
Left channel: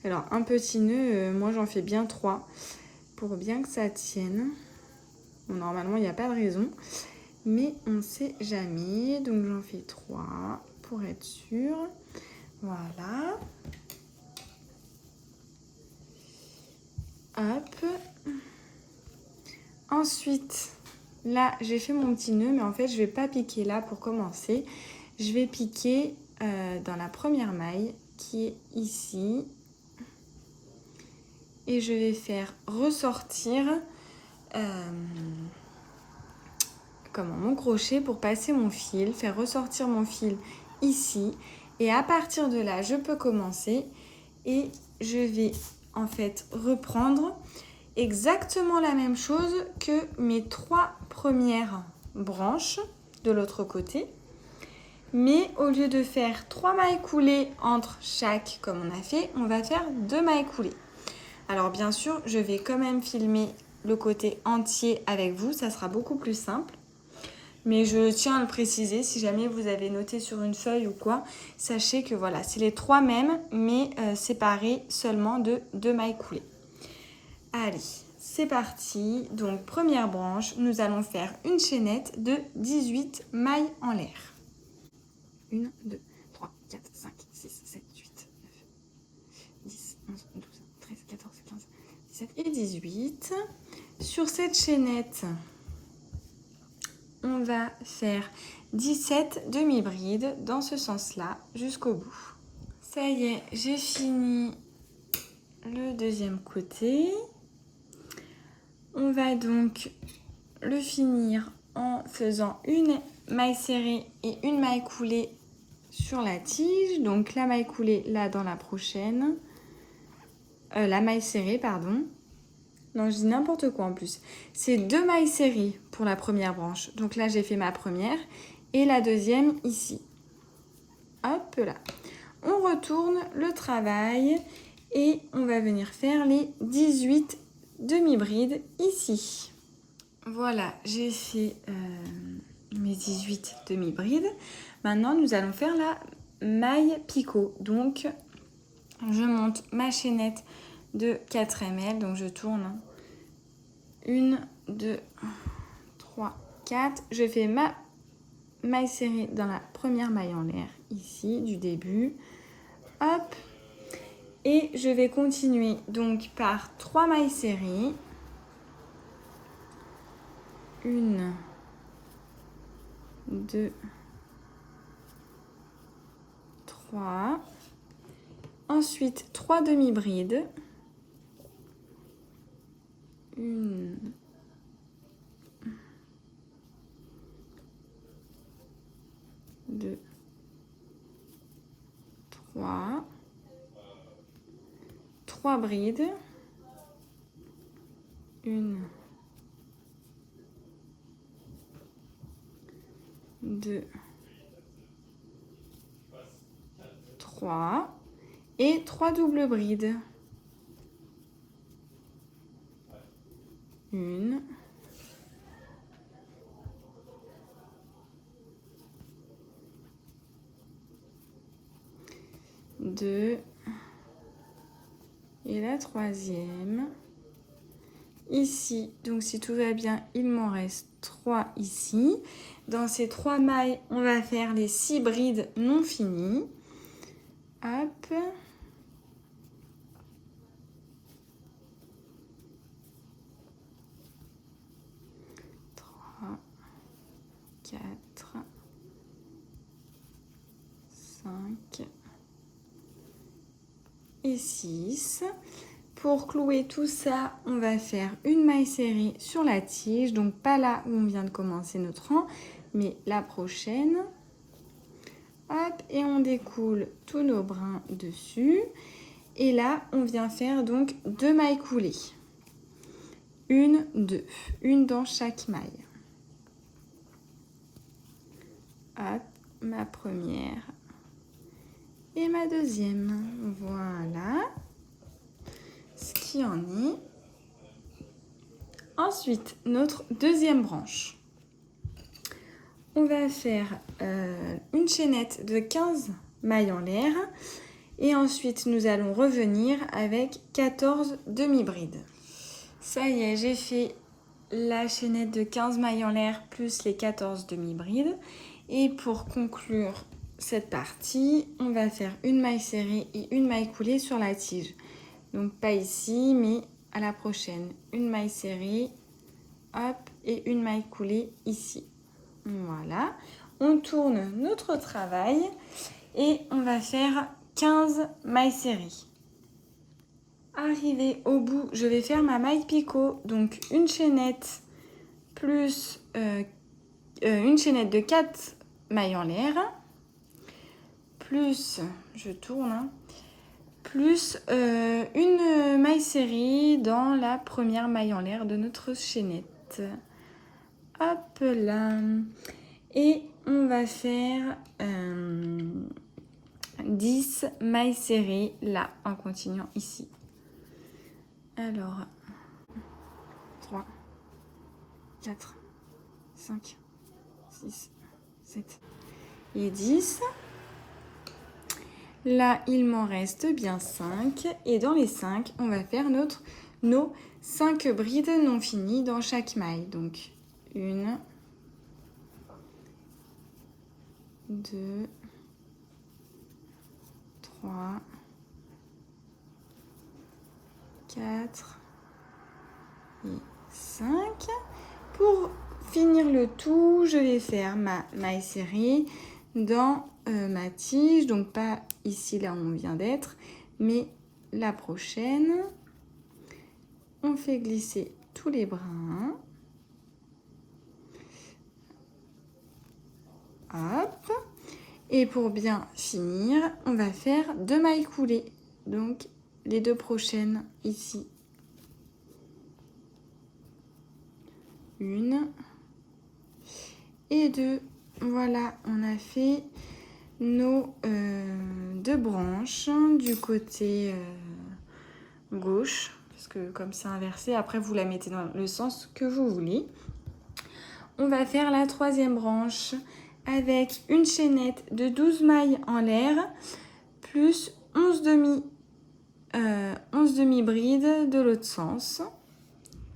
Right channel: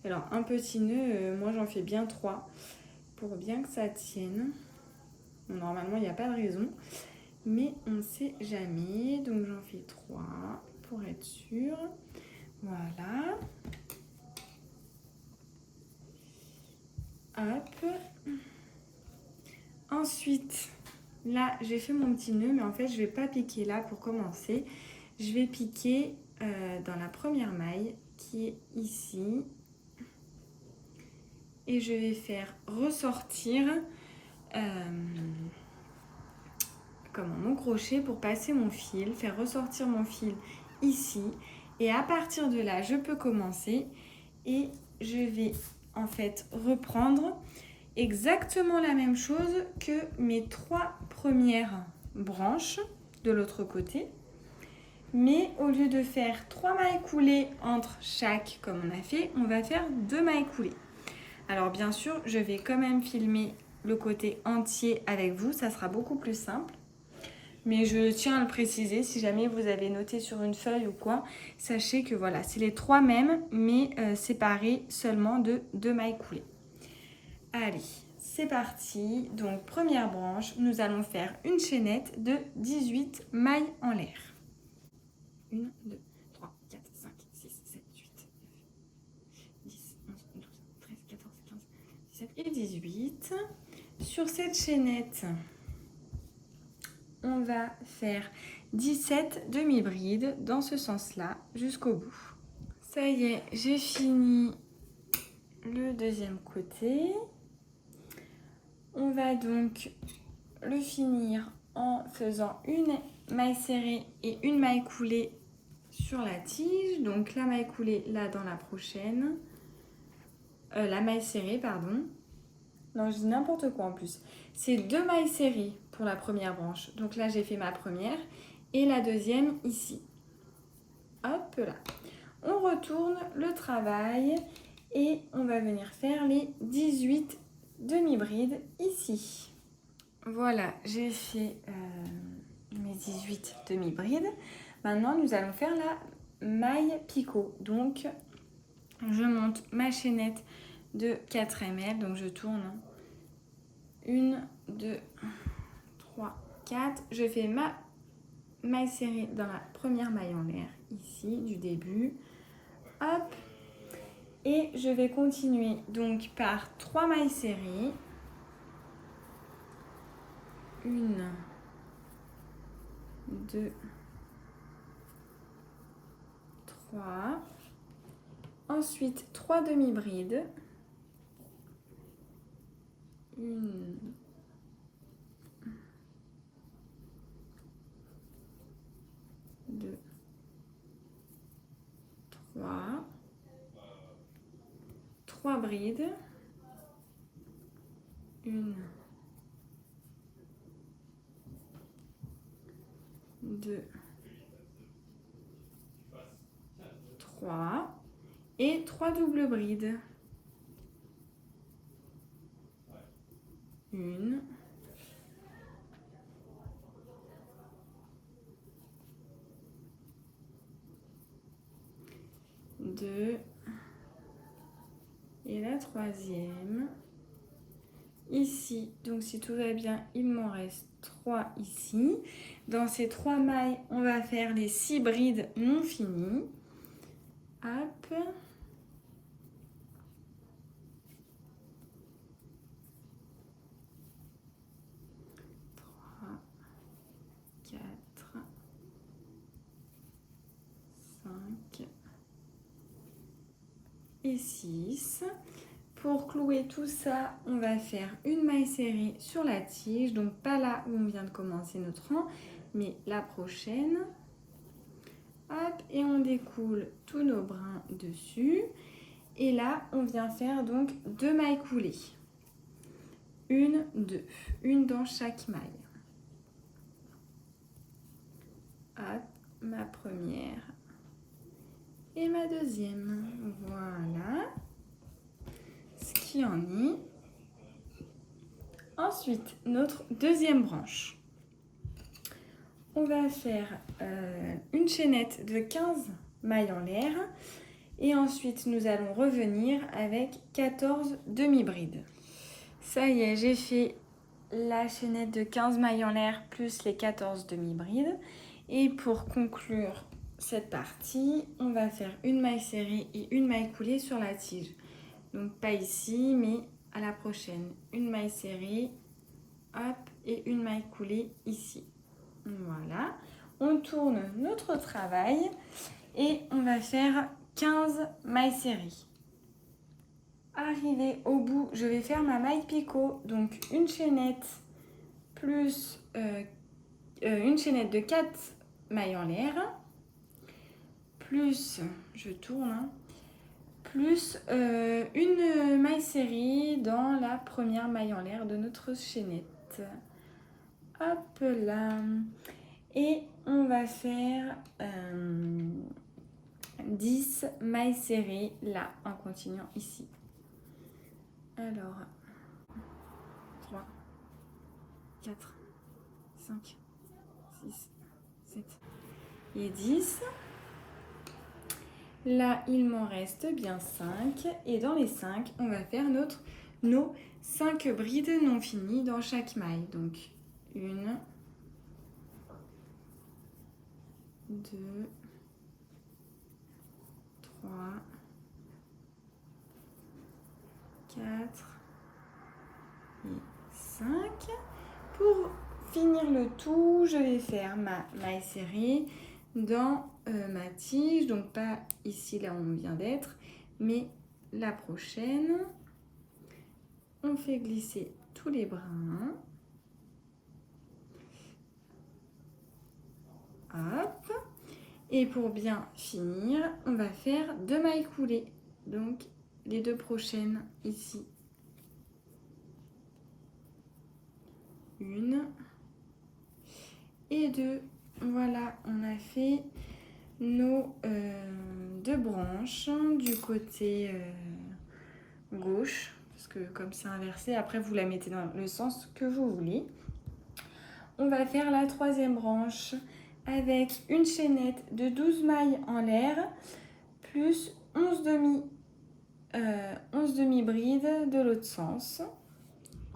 Alors un petit nœud, moi j'en fais bien 3 pour bien que ça tienne. Bon, normalement il n'y a pas de raison, mais on ne sait jamais, donc j'en fais 3 pour être sûr. Voilà. Hop. Ensuite, là j'ai fait mon petit nœud, mais en fait je vais pas piquer là pour commencer. Je vais piquer dans la première maille qui est ici. Et je vais faire ressortir mon crochet pour passer mon fil, faire ressortir mon fil ici. Et à partir de là, je peux commencer et je vais en fait reprendre exactement la même chose que mes 3 premières branches de l'autre côté. Mais au lieu de faire 3 mailles coulées entre chaque comme on a fait, on va faire 2 mailles coulées. Alors bien sûr, je vais quand même filmer le côté entier avec vous, ça sera beaucoup plus simple. Mais je tiens à le préciser, si jamais vous avez noté sur une feuille ou quoi, sachez que voilà, c'est les 3 mêmes, mais séparés seulement de 2 mailles coulées. Allez, c'est parti. Donc première branche, nous allons faire une chaînette de 18 mailles en l'air. 1, 2, 3, 4, 5, 6, 7, 8, 9, 10, 11, 12, 13, 14, 15, 17 et 18. Sur cette chaînette, on va faire 17 demi-brides dans ce sens-là jusqu'au bout. Ça y est, j'ai fini le deuxième côté. On va donc le finir en faisant une maille serrée et une maille coulée sur la tige. Donc la maille coulée là dans la prochaine. La maille serrée, pardon. Non, je dis n'importe quoi en plus. C'est 2 mailles serrées pour la première branche. Donc là, j'ai fait ma première et la deuxième ici. Hop là. On retourne le travail et on va venir faire les 18 demi-brides ici. Voilà, j'ai fait mes 18 demi-brides. Maintenant, nous allons faire la maille picot. Donc, je monte ma chaînette de 4 ml. Donc, je tourne 1, 2, 3, 4. Je fais ma maille serrée dans la première maille en l'air, ici, du début. Hop. Et je vais continuer donc par 3 mailles serrées. 1, 2, 3. Ensuite, 3 demi-brides. 1, 2, 3. 3 brides. 1, 2, 3. Et 3 doubles brides. 1, 2 et la troisième. Ici, donc si tout va bien, il m'en reste 3 ici. Dans ces 3 mailles, on va faire les 6 brides non finies. Hop. Trois, 4, 5 et 6. Pour clouer tout ça, on va faire une maille serrée sur la tige. Donc pas là où on vient de commencer notre rang, mais la prochaine. Hop, et on découle tous nos brins dessus. Et là, on vient faire donc 2 mailles coulées. 1, 2. Une dans chaque maille. Hop, ma première et ma deuxième. Voilà. Ce qui en est. Ensuite, notre deuxième branche. On va faire une chaînette de 15 mailles en l'air. Et ensuite, nous allons revenir avec 14 demi-brides. Ça y est, j'ai fait la chaînette de 15 mailles en l'air plus les 14 demi-brides. Et pour conclure cette partie, on va faire une maille serrée et une maille coulée sur la tige. Donc pas ici, mais à la prochaine. Une maille serrée, hop, et une maille coulée ici. Voilà. On tourne notre travail et on va faire 15 mailles serrées. Arrivé au bout, je vais faire ma maille picot. Donc une chaînette plus une chaînette de 4 mailles en l'air. Plus, je tourne, hein, plus une maille serrée dans la première maille en l'air de notre chaînette. Hop là. Et on va faire 10 mailles serrées là en continuant ici. Alors, 3, 4, 5, 6, 7 et 10. Là, il m'en reste bien 5. Et dans les 5, on va faire nos 5 brides non finies dans chaque maille. Donc, 1, 2, 3, 4 et 5. Pour finir le tout, je vais faire ma maille serrée dans ma tige, donc pas ici là où on vient d'être, mais la prochaine. On fait glisser tous les brins. Hop. Et pour bien finir, on va faire 2 mailles coulées, donc les 2 prochaines ici. 1 et 2. Voilà, on a fait nos 2 branches du côté gauche, parce que comme c'est inversé, après vous la mettez dans le sens que vous voulez. On va faire la 3e branche avec une chaînette de 12 mailles en l'air plus 11 demi-brides de l'autre sens.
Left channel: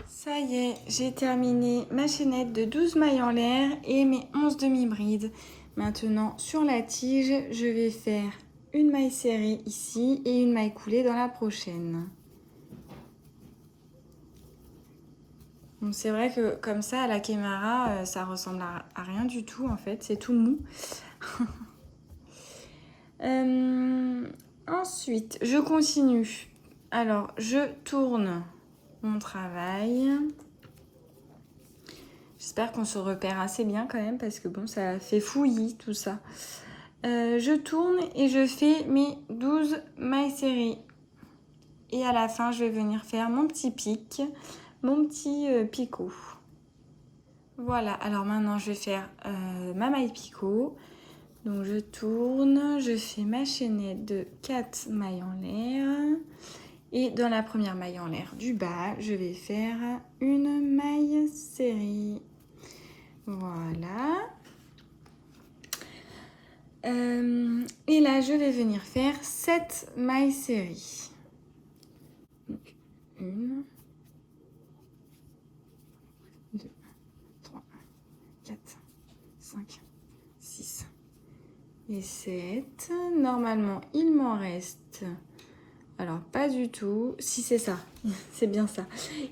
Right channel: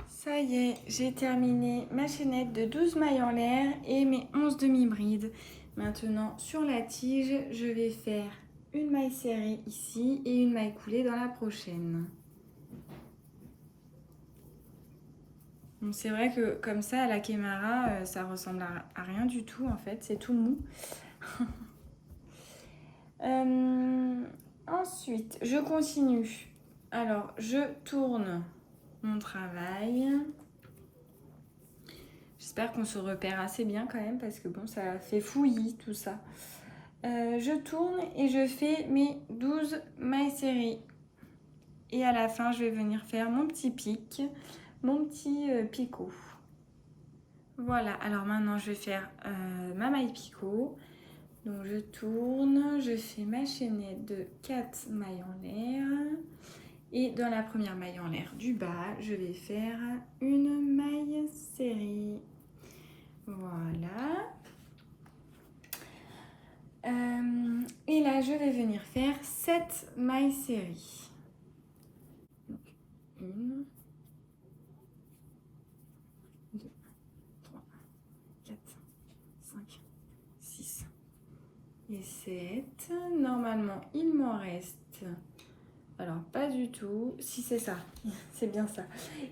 Ça y est, j'ai terminé ma chaînette de 12 mailles en l'air et mes 11 demi-brides. Maintenant, sur la tige, je vais faire une maille serrée ici et une maille coulée dans la prochaine. Bon, c'est vrai que comme ça, à la caméra, ça ressemble à rien du tout en fait, c'est tout mou. Ensuite, je continue. Alors, je tourne mon travail. J'espère qu'on se repère assez bien quand même parce que bon, ça fait fouillis tout ça. Je tourne et je fais mes 12 mailles serrées. Et à la fin, je vais venir faire mon petit pic, mon petit picot. Voilà, alors maintenant je vais faire ma maille picot. Donc je tourne, je fais ma chaînette de 4 mailles en l'air. Et dans la première maille en l'air du bas, je vais faire une maille serrée. Voilà. Et là, je vais venir faire 7 mailles serrées. Donc, 1, 2, 3, 4, 5, 6 et 7. Normalement, il m'en reste... Alors, pas du tout. Si, c'est ça. C'est bien ça.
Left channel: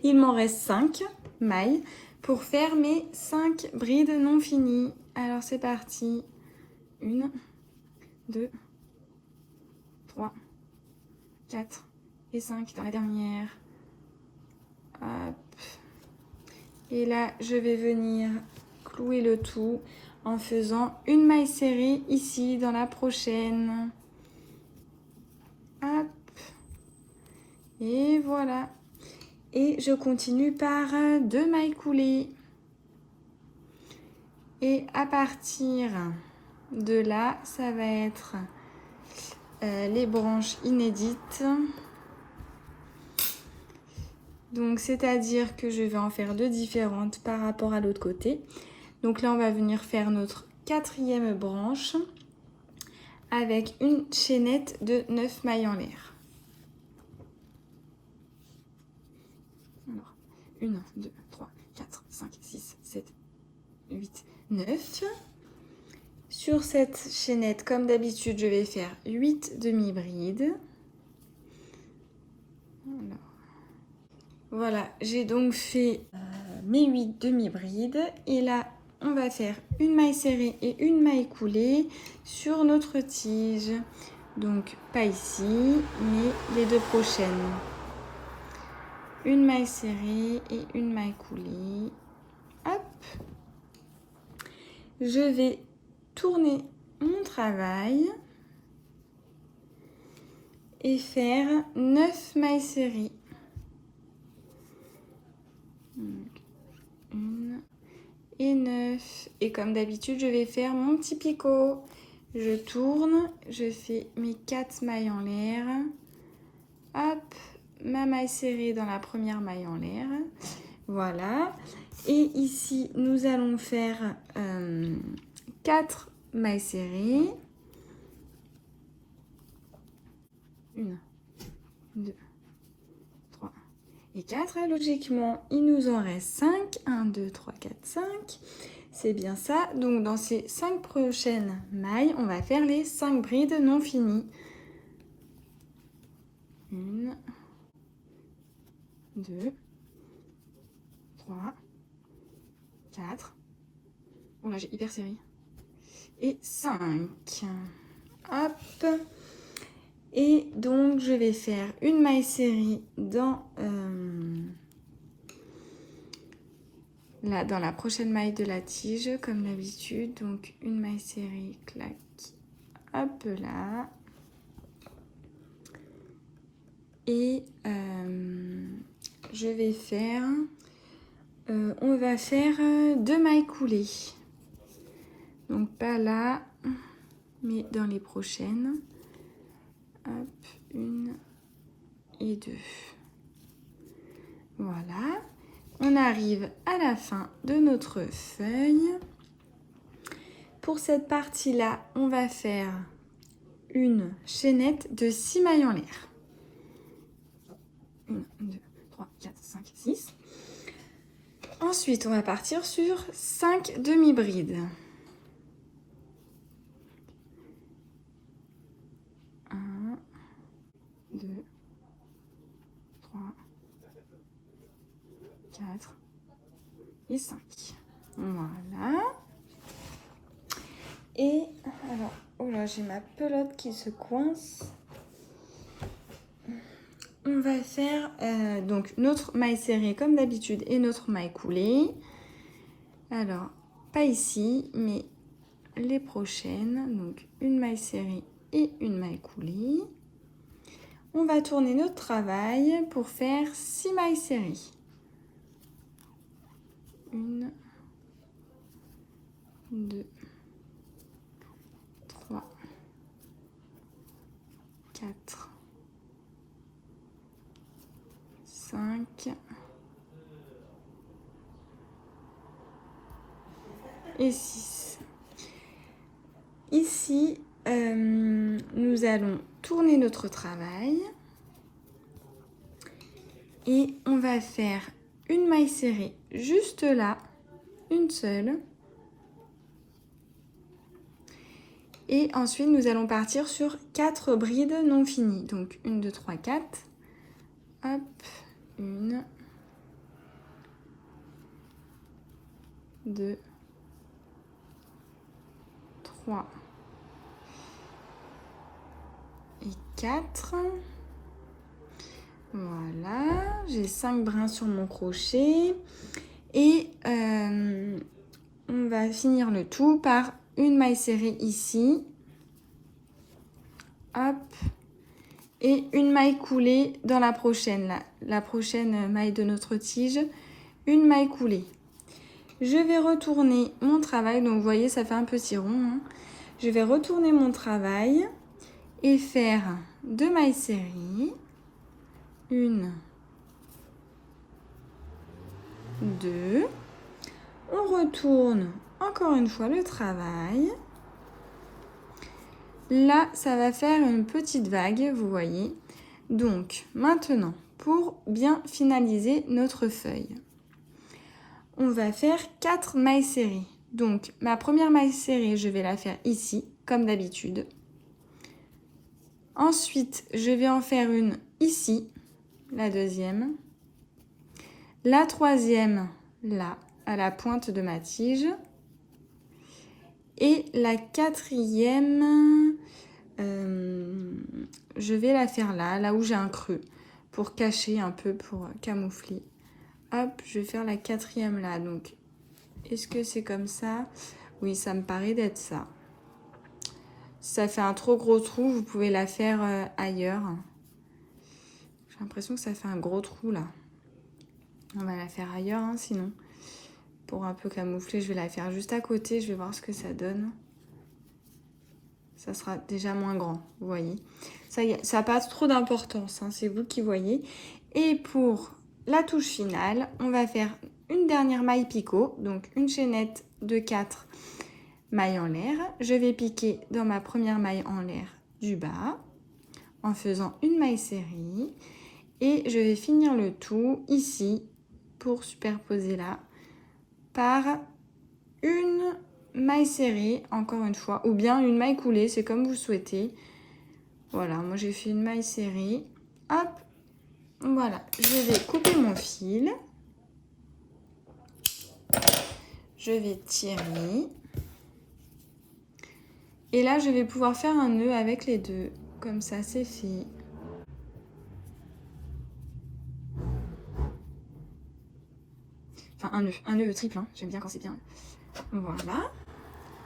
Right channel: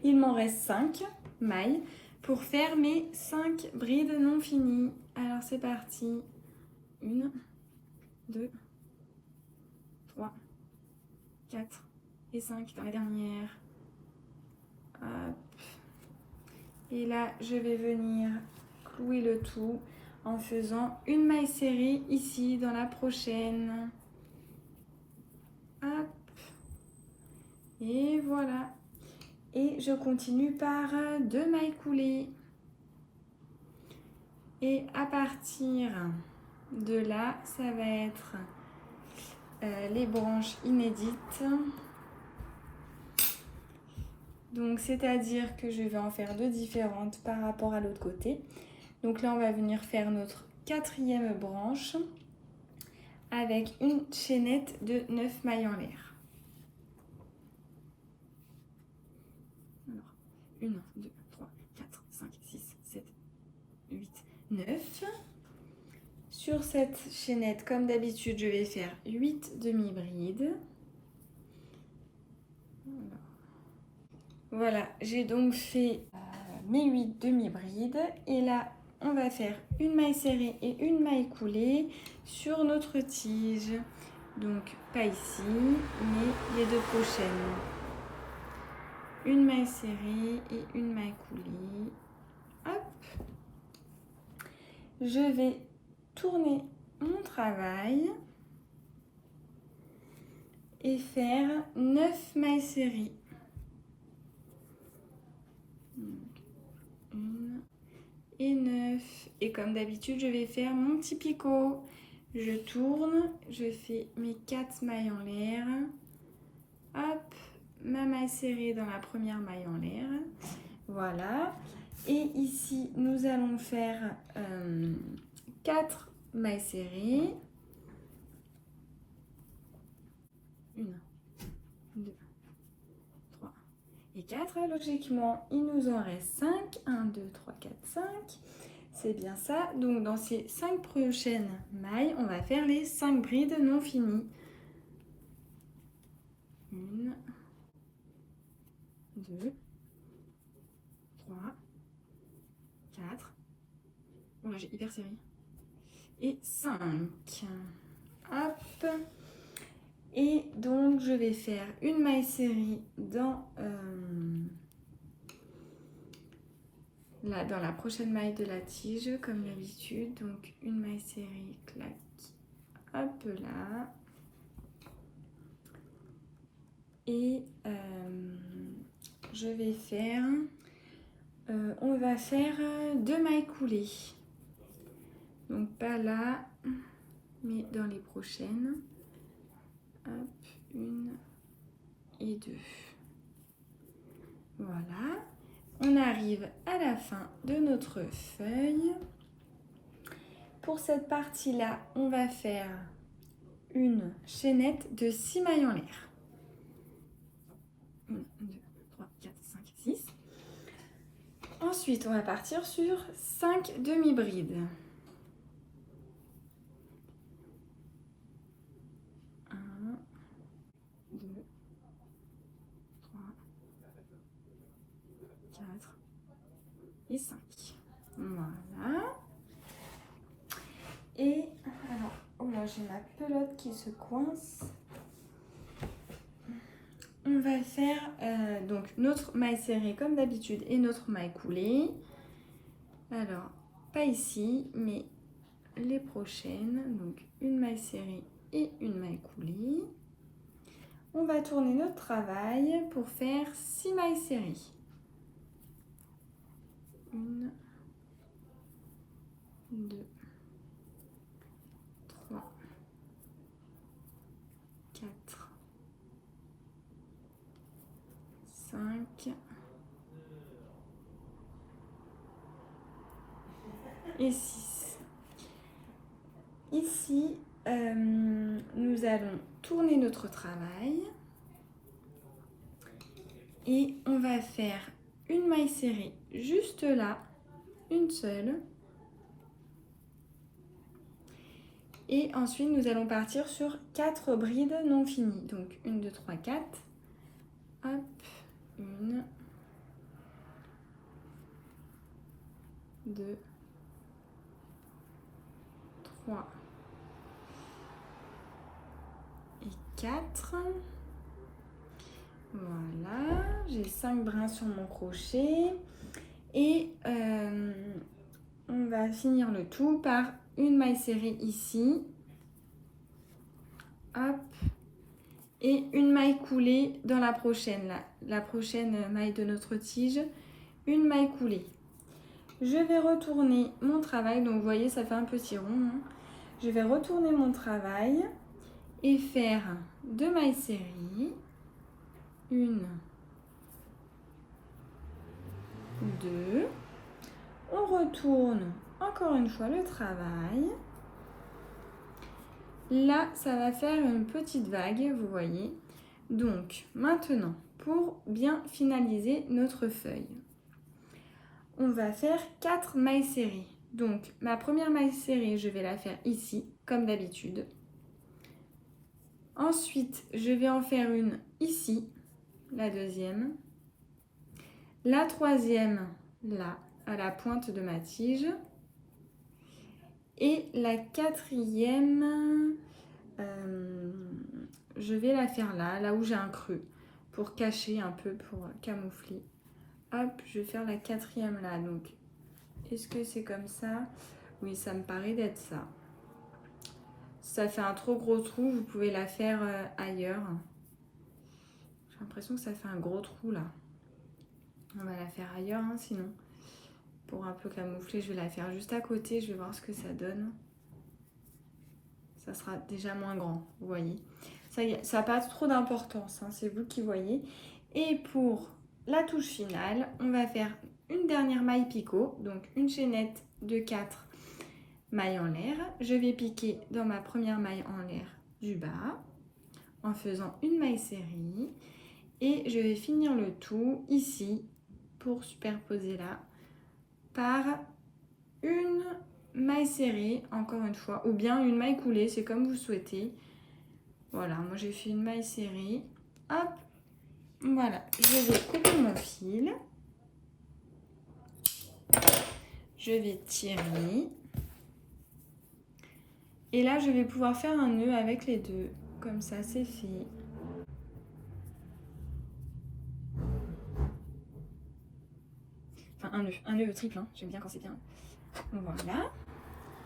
Il m'en reste 5 mailles pour faire mes 5 brides non finies. Alors, c'est parti. 1, 2, 3, 4 et 5 dans la dernière. Hop. Et là, je vais venir clouer le tout en faisant une maille serrée ici dans la prochaine. Hop. Et voilà. Et je continue par 2 mailles coulées. Et à partir de là, ça va être les branches inédites. Donc c'est-à-dire que je vais en faire 2 différentes par rapport à l'autre côté. Donc là on va venir faire notre 4e branche avec une chaînette de 9 mailles en l'air. Alors 1, 2, 3, 4, 5, 6, 7, 8, 9. Sur cette chaînette, comme d'habitude, je vais faire 8 demi-brides. Voilà, j'ai donc fait mes 8 demi-brides. Et là, on va faire une maille serrée et une maille coulée sur notre tige. Donc, pas ici, mais les 2 prochaines. Une maille serrée et une maille coulée. Hop. Je vais tourner mon travail et faire 9 mailles serrées. 1 et 9. Et comme d'habitude, je vais faire mon petit picot. Je tourne, je fais mes 4 mailles en l'air. Hop, ma maille serrée dans la première maille en l'air. Voilà. Et ici, nous allons faire 4 mailles serrées. 1, 2, 3 et 4. Logiquement, il nous en reste 5. 1, 2, 3, 4, 5. C'est bien ça. Donc, dans ces 5 prochaines mailles, on va faire les 5 brides non finies. 1, 2, 3, 4. Oh là, j'ai hyper serré. Et 5. Hop. Et donc, je vais faire une maille serrée dans la prochaine maille de la tige, comme d'habitude. Donc, une maille serrée, clac, hop là. Et je vais faire, on va faire 2 mailles coulées. Donc, pas là, mais dans les prochaines. Hop, 1 et 2. Voilà. On arrive à la fin de notre feuille. Pour cette partie-là, on va faire une chaînette de 6 mailles en l'air. 1, 2, 3, 4, 5, 6. Ensuite, on va partir sur 5 demi-brides. 1, 2, 3, 4 et 5. Voilà. Et alors, oh là, j'ai ma pelote qui se coince. On va faire donc notre maille serrée comme d'habitude et notre maille coulée. Alors, pas ici, mais les prochaines. Donc, une maille serrée et une maille coulée. On va tourner notre travail pour faire 6 mailles serrées. 1, 2, 3, 4, 5 et 6. Ici, nous allons tourner notre travail et on va faire une maille serrée juste là, une seule. Et ensuite, nous allons partir sur 4 brides non finies. Donc, 1, 2, 3, 4. Hop, 1, 2, 3 et 4. Voilà, j'ai 5 brins sur mon crochet. Et on va finir le tout par une maille serrée ici. Hop. Et une maille coulée dans la prochaine, la prochaine maille de notre tige. Une maille coulée. Je vais retourner mon travail. Donc, vous voyez, ça fait un petit rond. Hein. Je vais retourner mon travail et faire 2 mailles serrées. 1 2. On retourne encore une fois le travail. Là, ça va faire une petite vague, vous voyez. Donc, maintenant, pour bien finaliser notre feuille, on va faire 4 mailles serrées. Donc, ma première maille serrée, je vais la faire ici, comme d'habitude. Ensuite, je vais en faire une ici, la deuxième. La troisième, là, à la pointe de ma tige. Et la quatrième, je vais la faire là où j'ai un creux, pour cacher un peu, pour camoufler. Hop, je vais faire la quatrième là. Donc, est-ce que c'est comme ça? Oui, ça me paraît d'être ça. Si ça fait un trop gros trou, vous pouvez la faire ailleurs. J'ai l'impression que ça fait un gros trou là. On va la faire ailleurs, hein, sinon. Pour un peu camoufler, je vais la faire juste à côté. Je vais voir ce que ça donne. Ça sera déjà moins grand, vous voyez. Ça n'a pas trop d'importance, hein, c'est vous qui voyez. Et pour la touche finale, on va faire une dernière maille picot. Donc une chaînette de 4 mailles en l'air. Je vais piquer dans ma première maille en l'air du bas en faisant une maille serrée. Et je vais finir le tout ici pour superposer là par une maille serrée, encore une fois, ou bien une maille coulée, c'est comme vous souhaitez. Voilà, moi j'ai fait une maille serrée. Hop, voilà, je vais couper mon fil. Je vais tirer. Et là, je vais pouvoir faire un nœud avec les deux. Comme ça, c'est fait. Enfin, un nœud triple, hein. J'aime bien quand c'est bien. Voilà.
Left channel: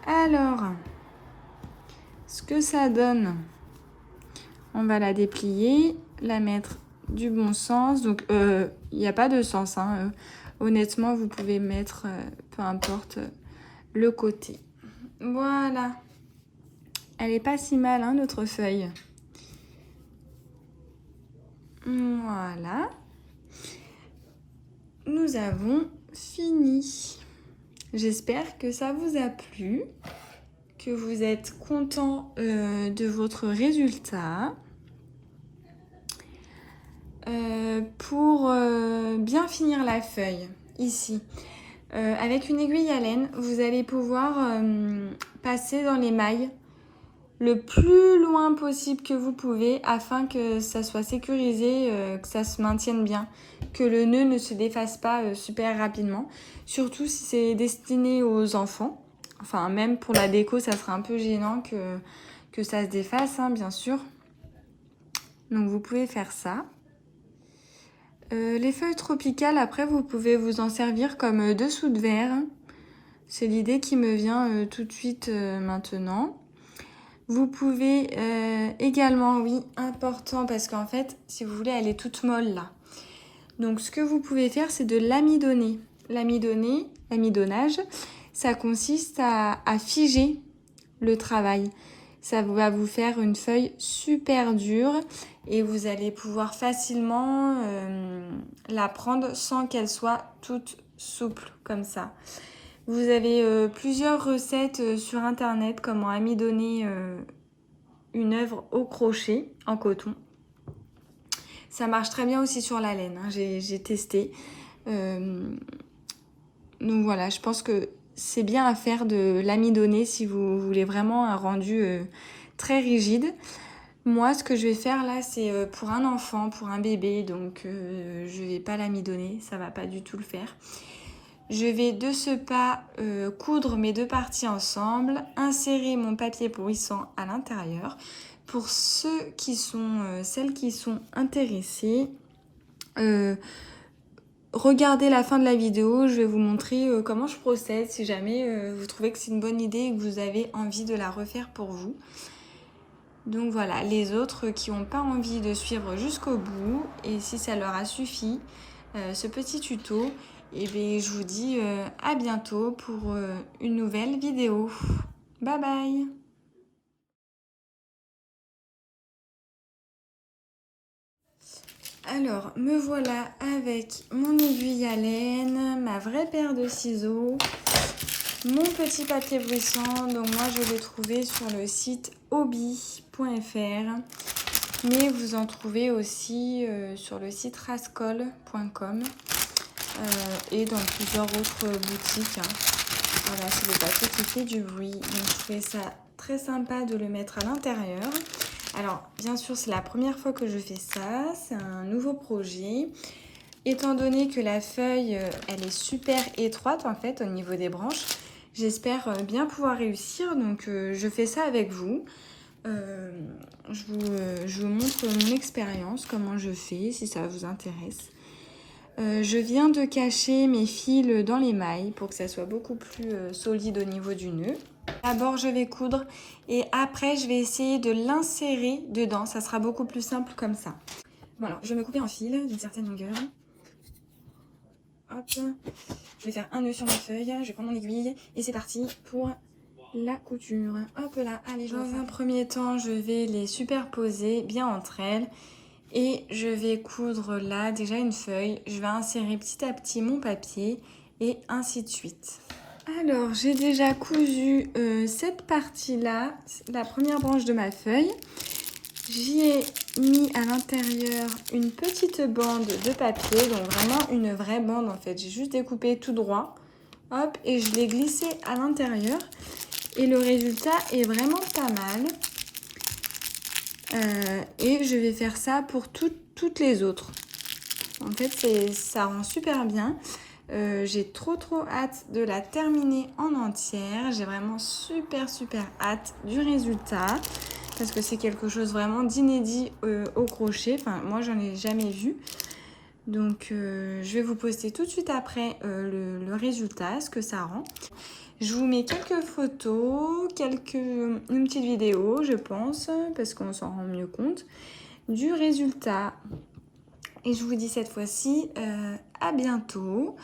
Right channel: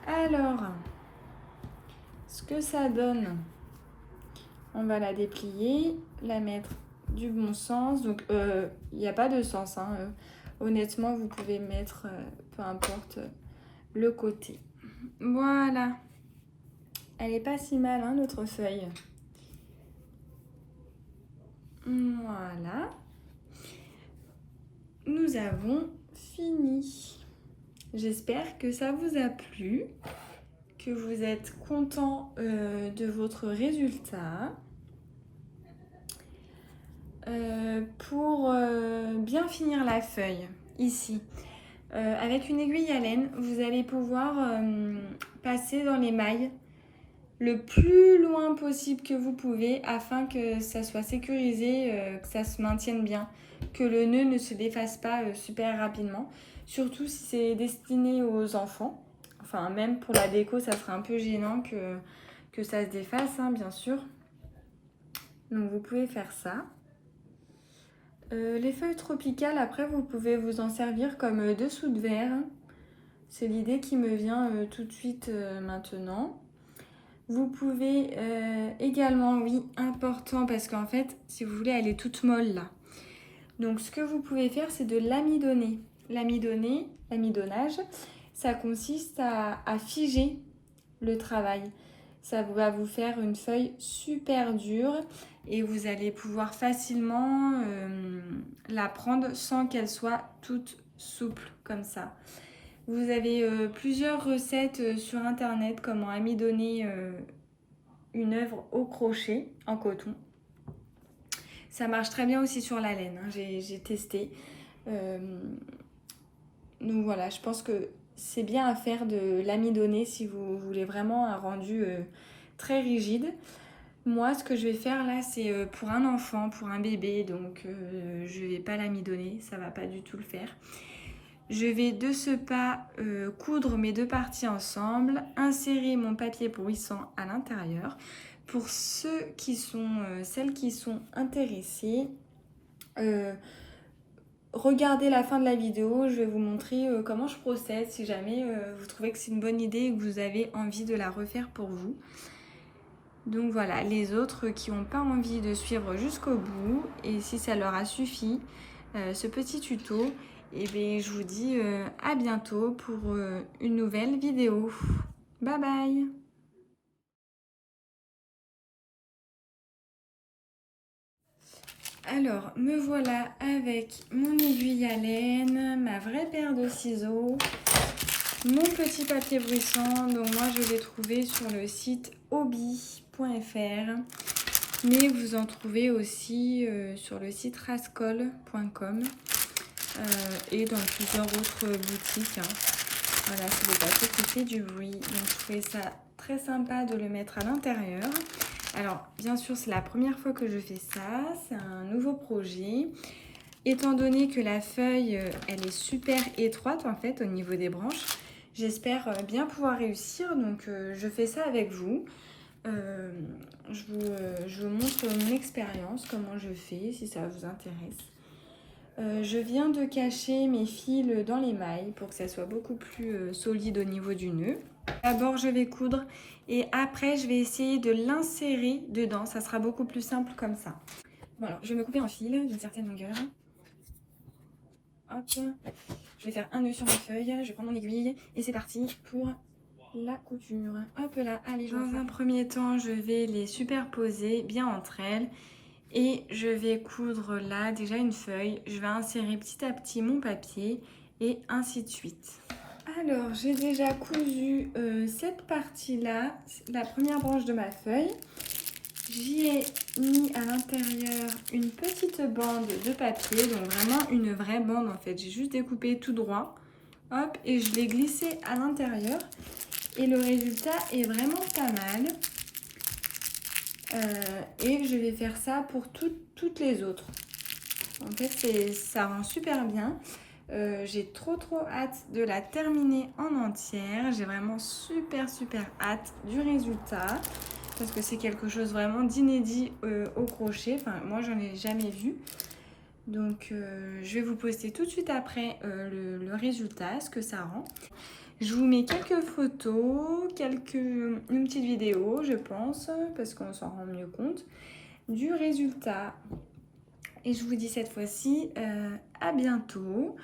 Alors, ce que ça donne, on va la déplier, la mettre du bon sens. Donc, il n'y a pas de sens, hein. Honnêtement, vous pouvez mettre, peu importe, le côté. Voilà. Elle est pas si mal, hein, notre feuille. Voilà. Nous avons fini. J'espère que ça vous a plu, que vous êtes content de votre résultat. Pour bien finir la feuille, ici, avec une aiguille à laine, vous allez pouvoir passer dans les mailles le plus loin possible que vous pouvez afin que ça soit sécurisé, que ça se maintienne bien, que le nœud ne se défasse pas super rapidement. Surtout si c'est destiné aux enfants. Enfin, même pour la déco, ça sera un peu gênant que ça se défasse, hein, bien sûr. Donc, vous pouvez faire ça. Les feuilles tropicales, après, vous pouvez vous en servir comme dessous de verre. C'est l'idée qui me vient tout de suite maintenant. Vous pouvez également, oui, important, parce qu'en fait, si vous voulez, elle est toute molle là. Donc, ce que vous pouvez faire, c'est de l'amidonner. L'amidonnage, ça consiste à figer le travail. Ça va vous faire une feuille super dure et vous allez pouvoir facilement la prendre sans qu'elle soit toute souple comme ça. Vous avez plusieurs recettes sur internet, comment amidonner une œuvre au crochet en coton. Ça marche très bien aussi sur la laine, hein. J'ai testé. Donc voilà, je pense que c'est bien à faire de l'amidonner si vous voulez vraiment un rendu très rigide. Moi, ce que je vais faire là, c'est pour un enfant, pour un bébé, donc je ne vais pas l'amidonner, ça ne va pas du tout le faire. Je vais de ce pas coudre mes deux parties ensemble, insérer mon papier bruissant à l'intérieur. Pour celles qui sont intéressées, regardez la fin de la vidéo, je vais vous montrer comment je procède si jamais vous trouvez que c'est une bonne idée et que vous avez envie de la refaire pour vous. Donc voilà, les autres qui n'ont pas envie de suivre jusqu'au bout, et si ça leur a suffi, ce petit tuto, et bien je vous dis à bientôt pour une nouvelle vidéo. Bye bye! Alors, me voilà avec mon aiguille à laine, ma vraie paire de ciseaux, mon petit papier bruissant. Donc moi, je l'ai trouvé sur le site hobby.fr, mais vous en trouvez aussi sur le site rascol.com et dans plusieurs autres boutiques. Voilà, c'est le papier qui fait du bruit. Donc, je trouvais ça très sympa de le mettre à l'intérieur. Alors, bien sûr, c'est la première fois que je fais ça. C'est un nouveau projet. Étant donné que la feuille, elle est super étroite, en fait, au niveau des branches, j'espère bien pouvoir réussir. Donc, je fais ça avec vous. Je vous montre mon expérience, comment je fais, si ça vous intéresse. Je viens de cacher mes fils dans les mailles pour que ça soit beaucoup plus solide au niveau du nœud. D'abord, je vais coudre et après, je vais essayer de l'insérer dedans. Ça sera beaucoup plus simple comme ça. Bon, alors, je vais me couper en fil d'une certaine longueur. Hop. Je vais faire un nœud sur ma feuille. Je vais prendre mon aiguille et c'est parti pour la couture. Hop là, allez, dans un premier temps, je vais les superposer bien entre elles. Et je vais coudre là déjà une feuille. Je vais insérer petit à petit mon papier et ainsi de suite. Alors, j'ai déjà cousu cette partie-là, la première branche de ma feuille. J'y ai mis à l'intérieur une petite bande de papier, donc vraiment une vraie bande en fait. J'ai juste découpé tout droit, hop, et je l'ai glissé à l'intérieur. Et le résultat est vraiment pas mal. Et je vais faire ça pour toutes les autres. En fait, ça rend super bien. J'ai trop hâte de la terminer en entière. J'ai vraiment super hâte du résultat. Parce que c'est quelque chose vraiment d'inédit au crochet. Enfin, moi, j'en ai jamais vu. Donc, je vais vous poster tout de suite après le résultat, ce que ça rend. Je vous mets quelques photos, une petite vidéo, je pense, parce qu'on s'en rend mieux compte, du résultat. Et je vous dis cette fois-ci à bientôt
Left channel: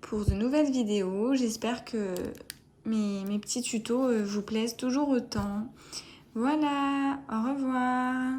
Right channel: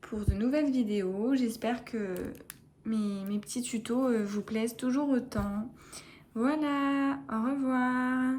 pour de nouvelles vidéos. J'espère que mes petits tutos vous plaisent toujours autant. Voilà, au revoir.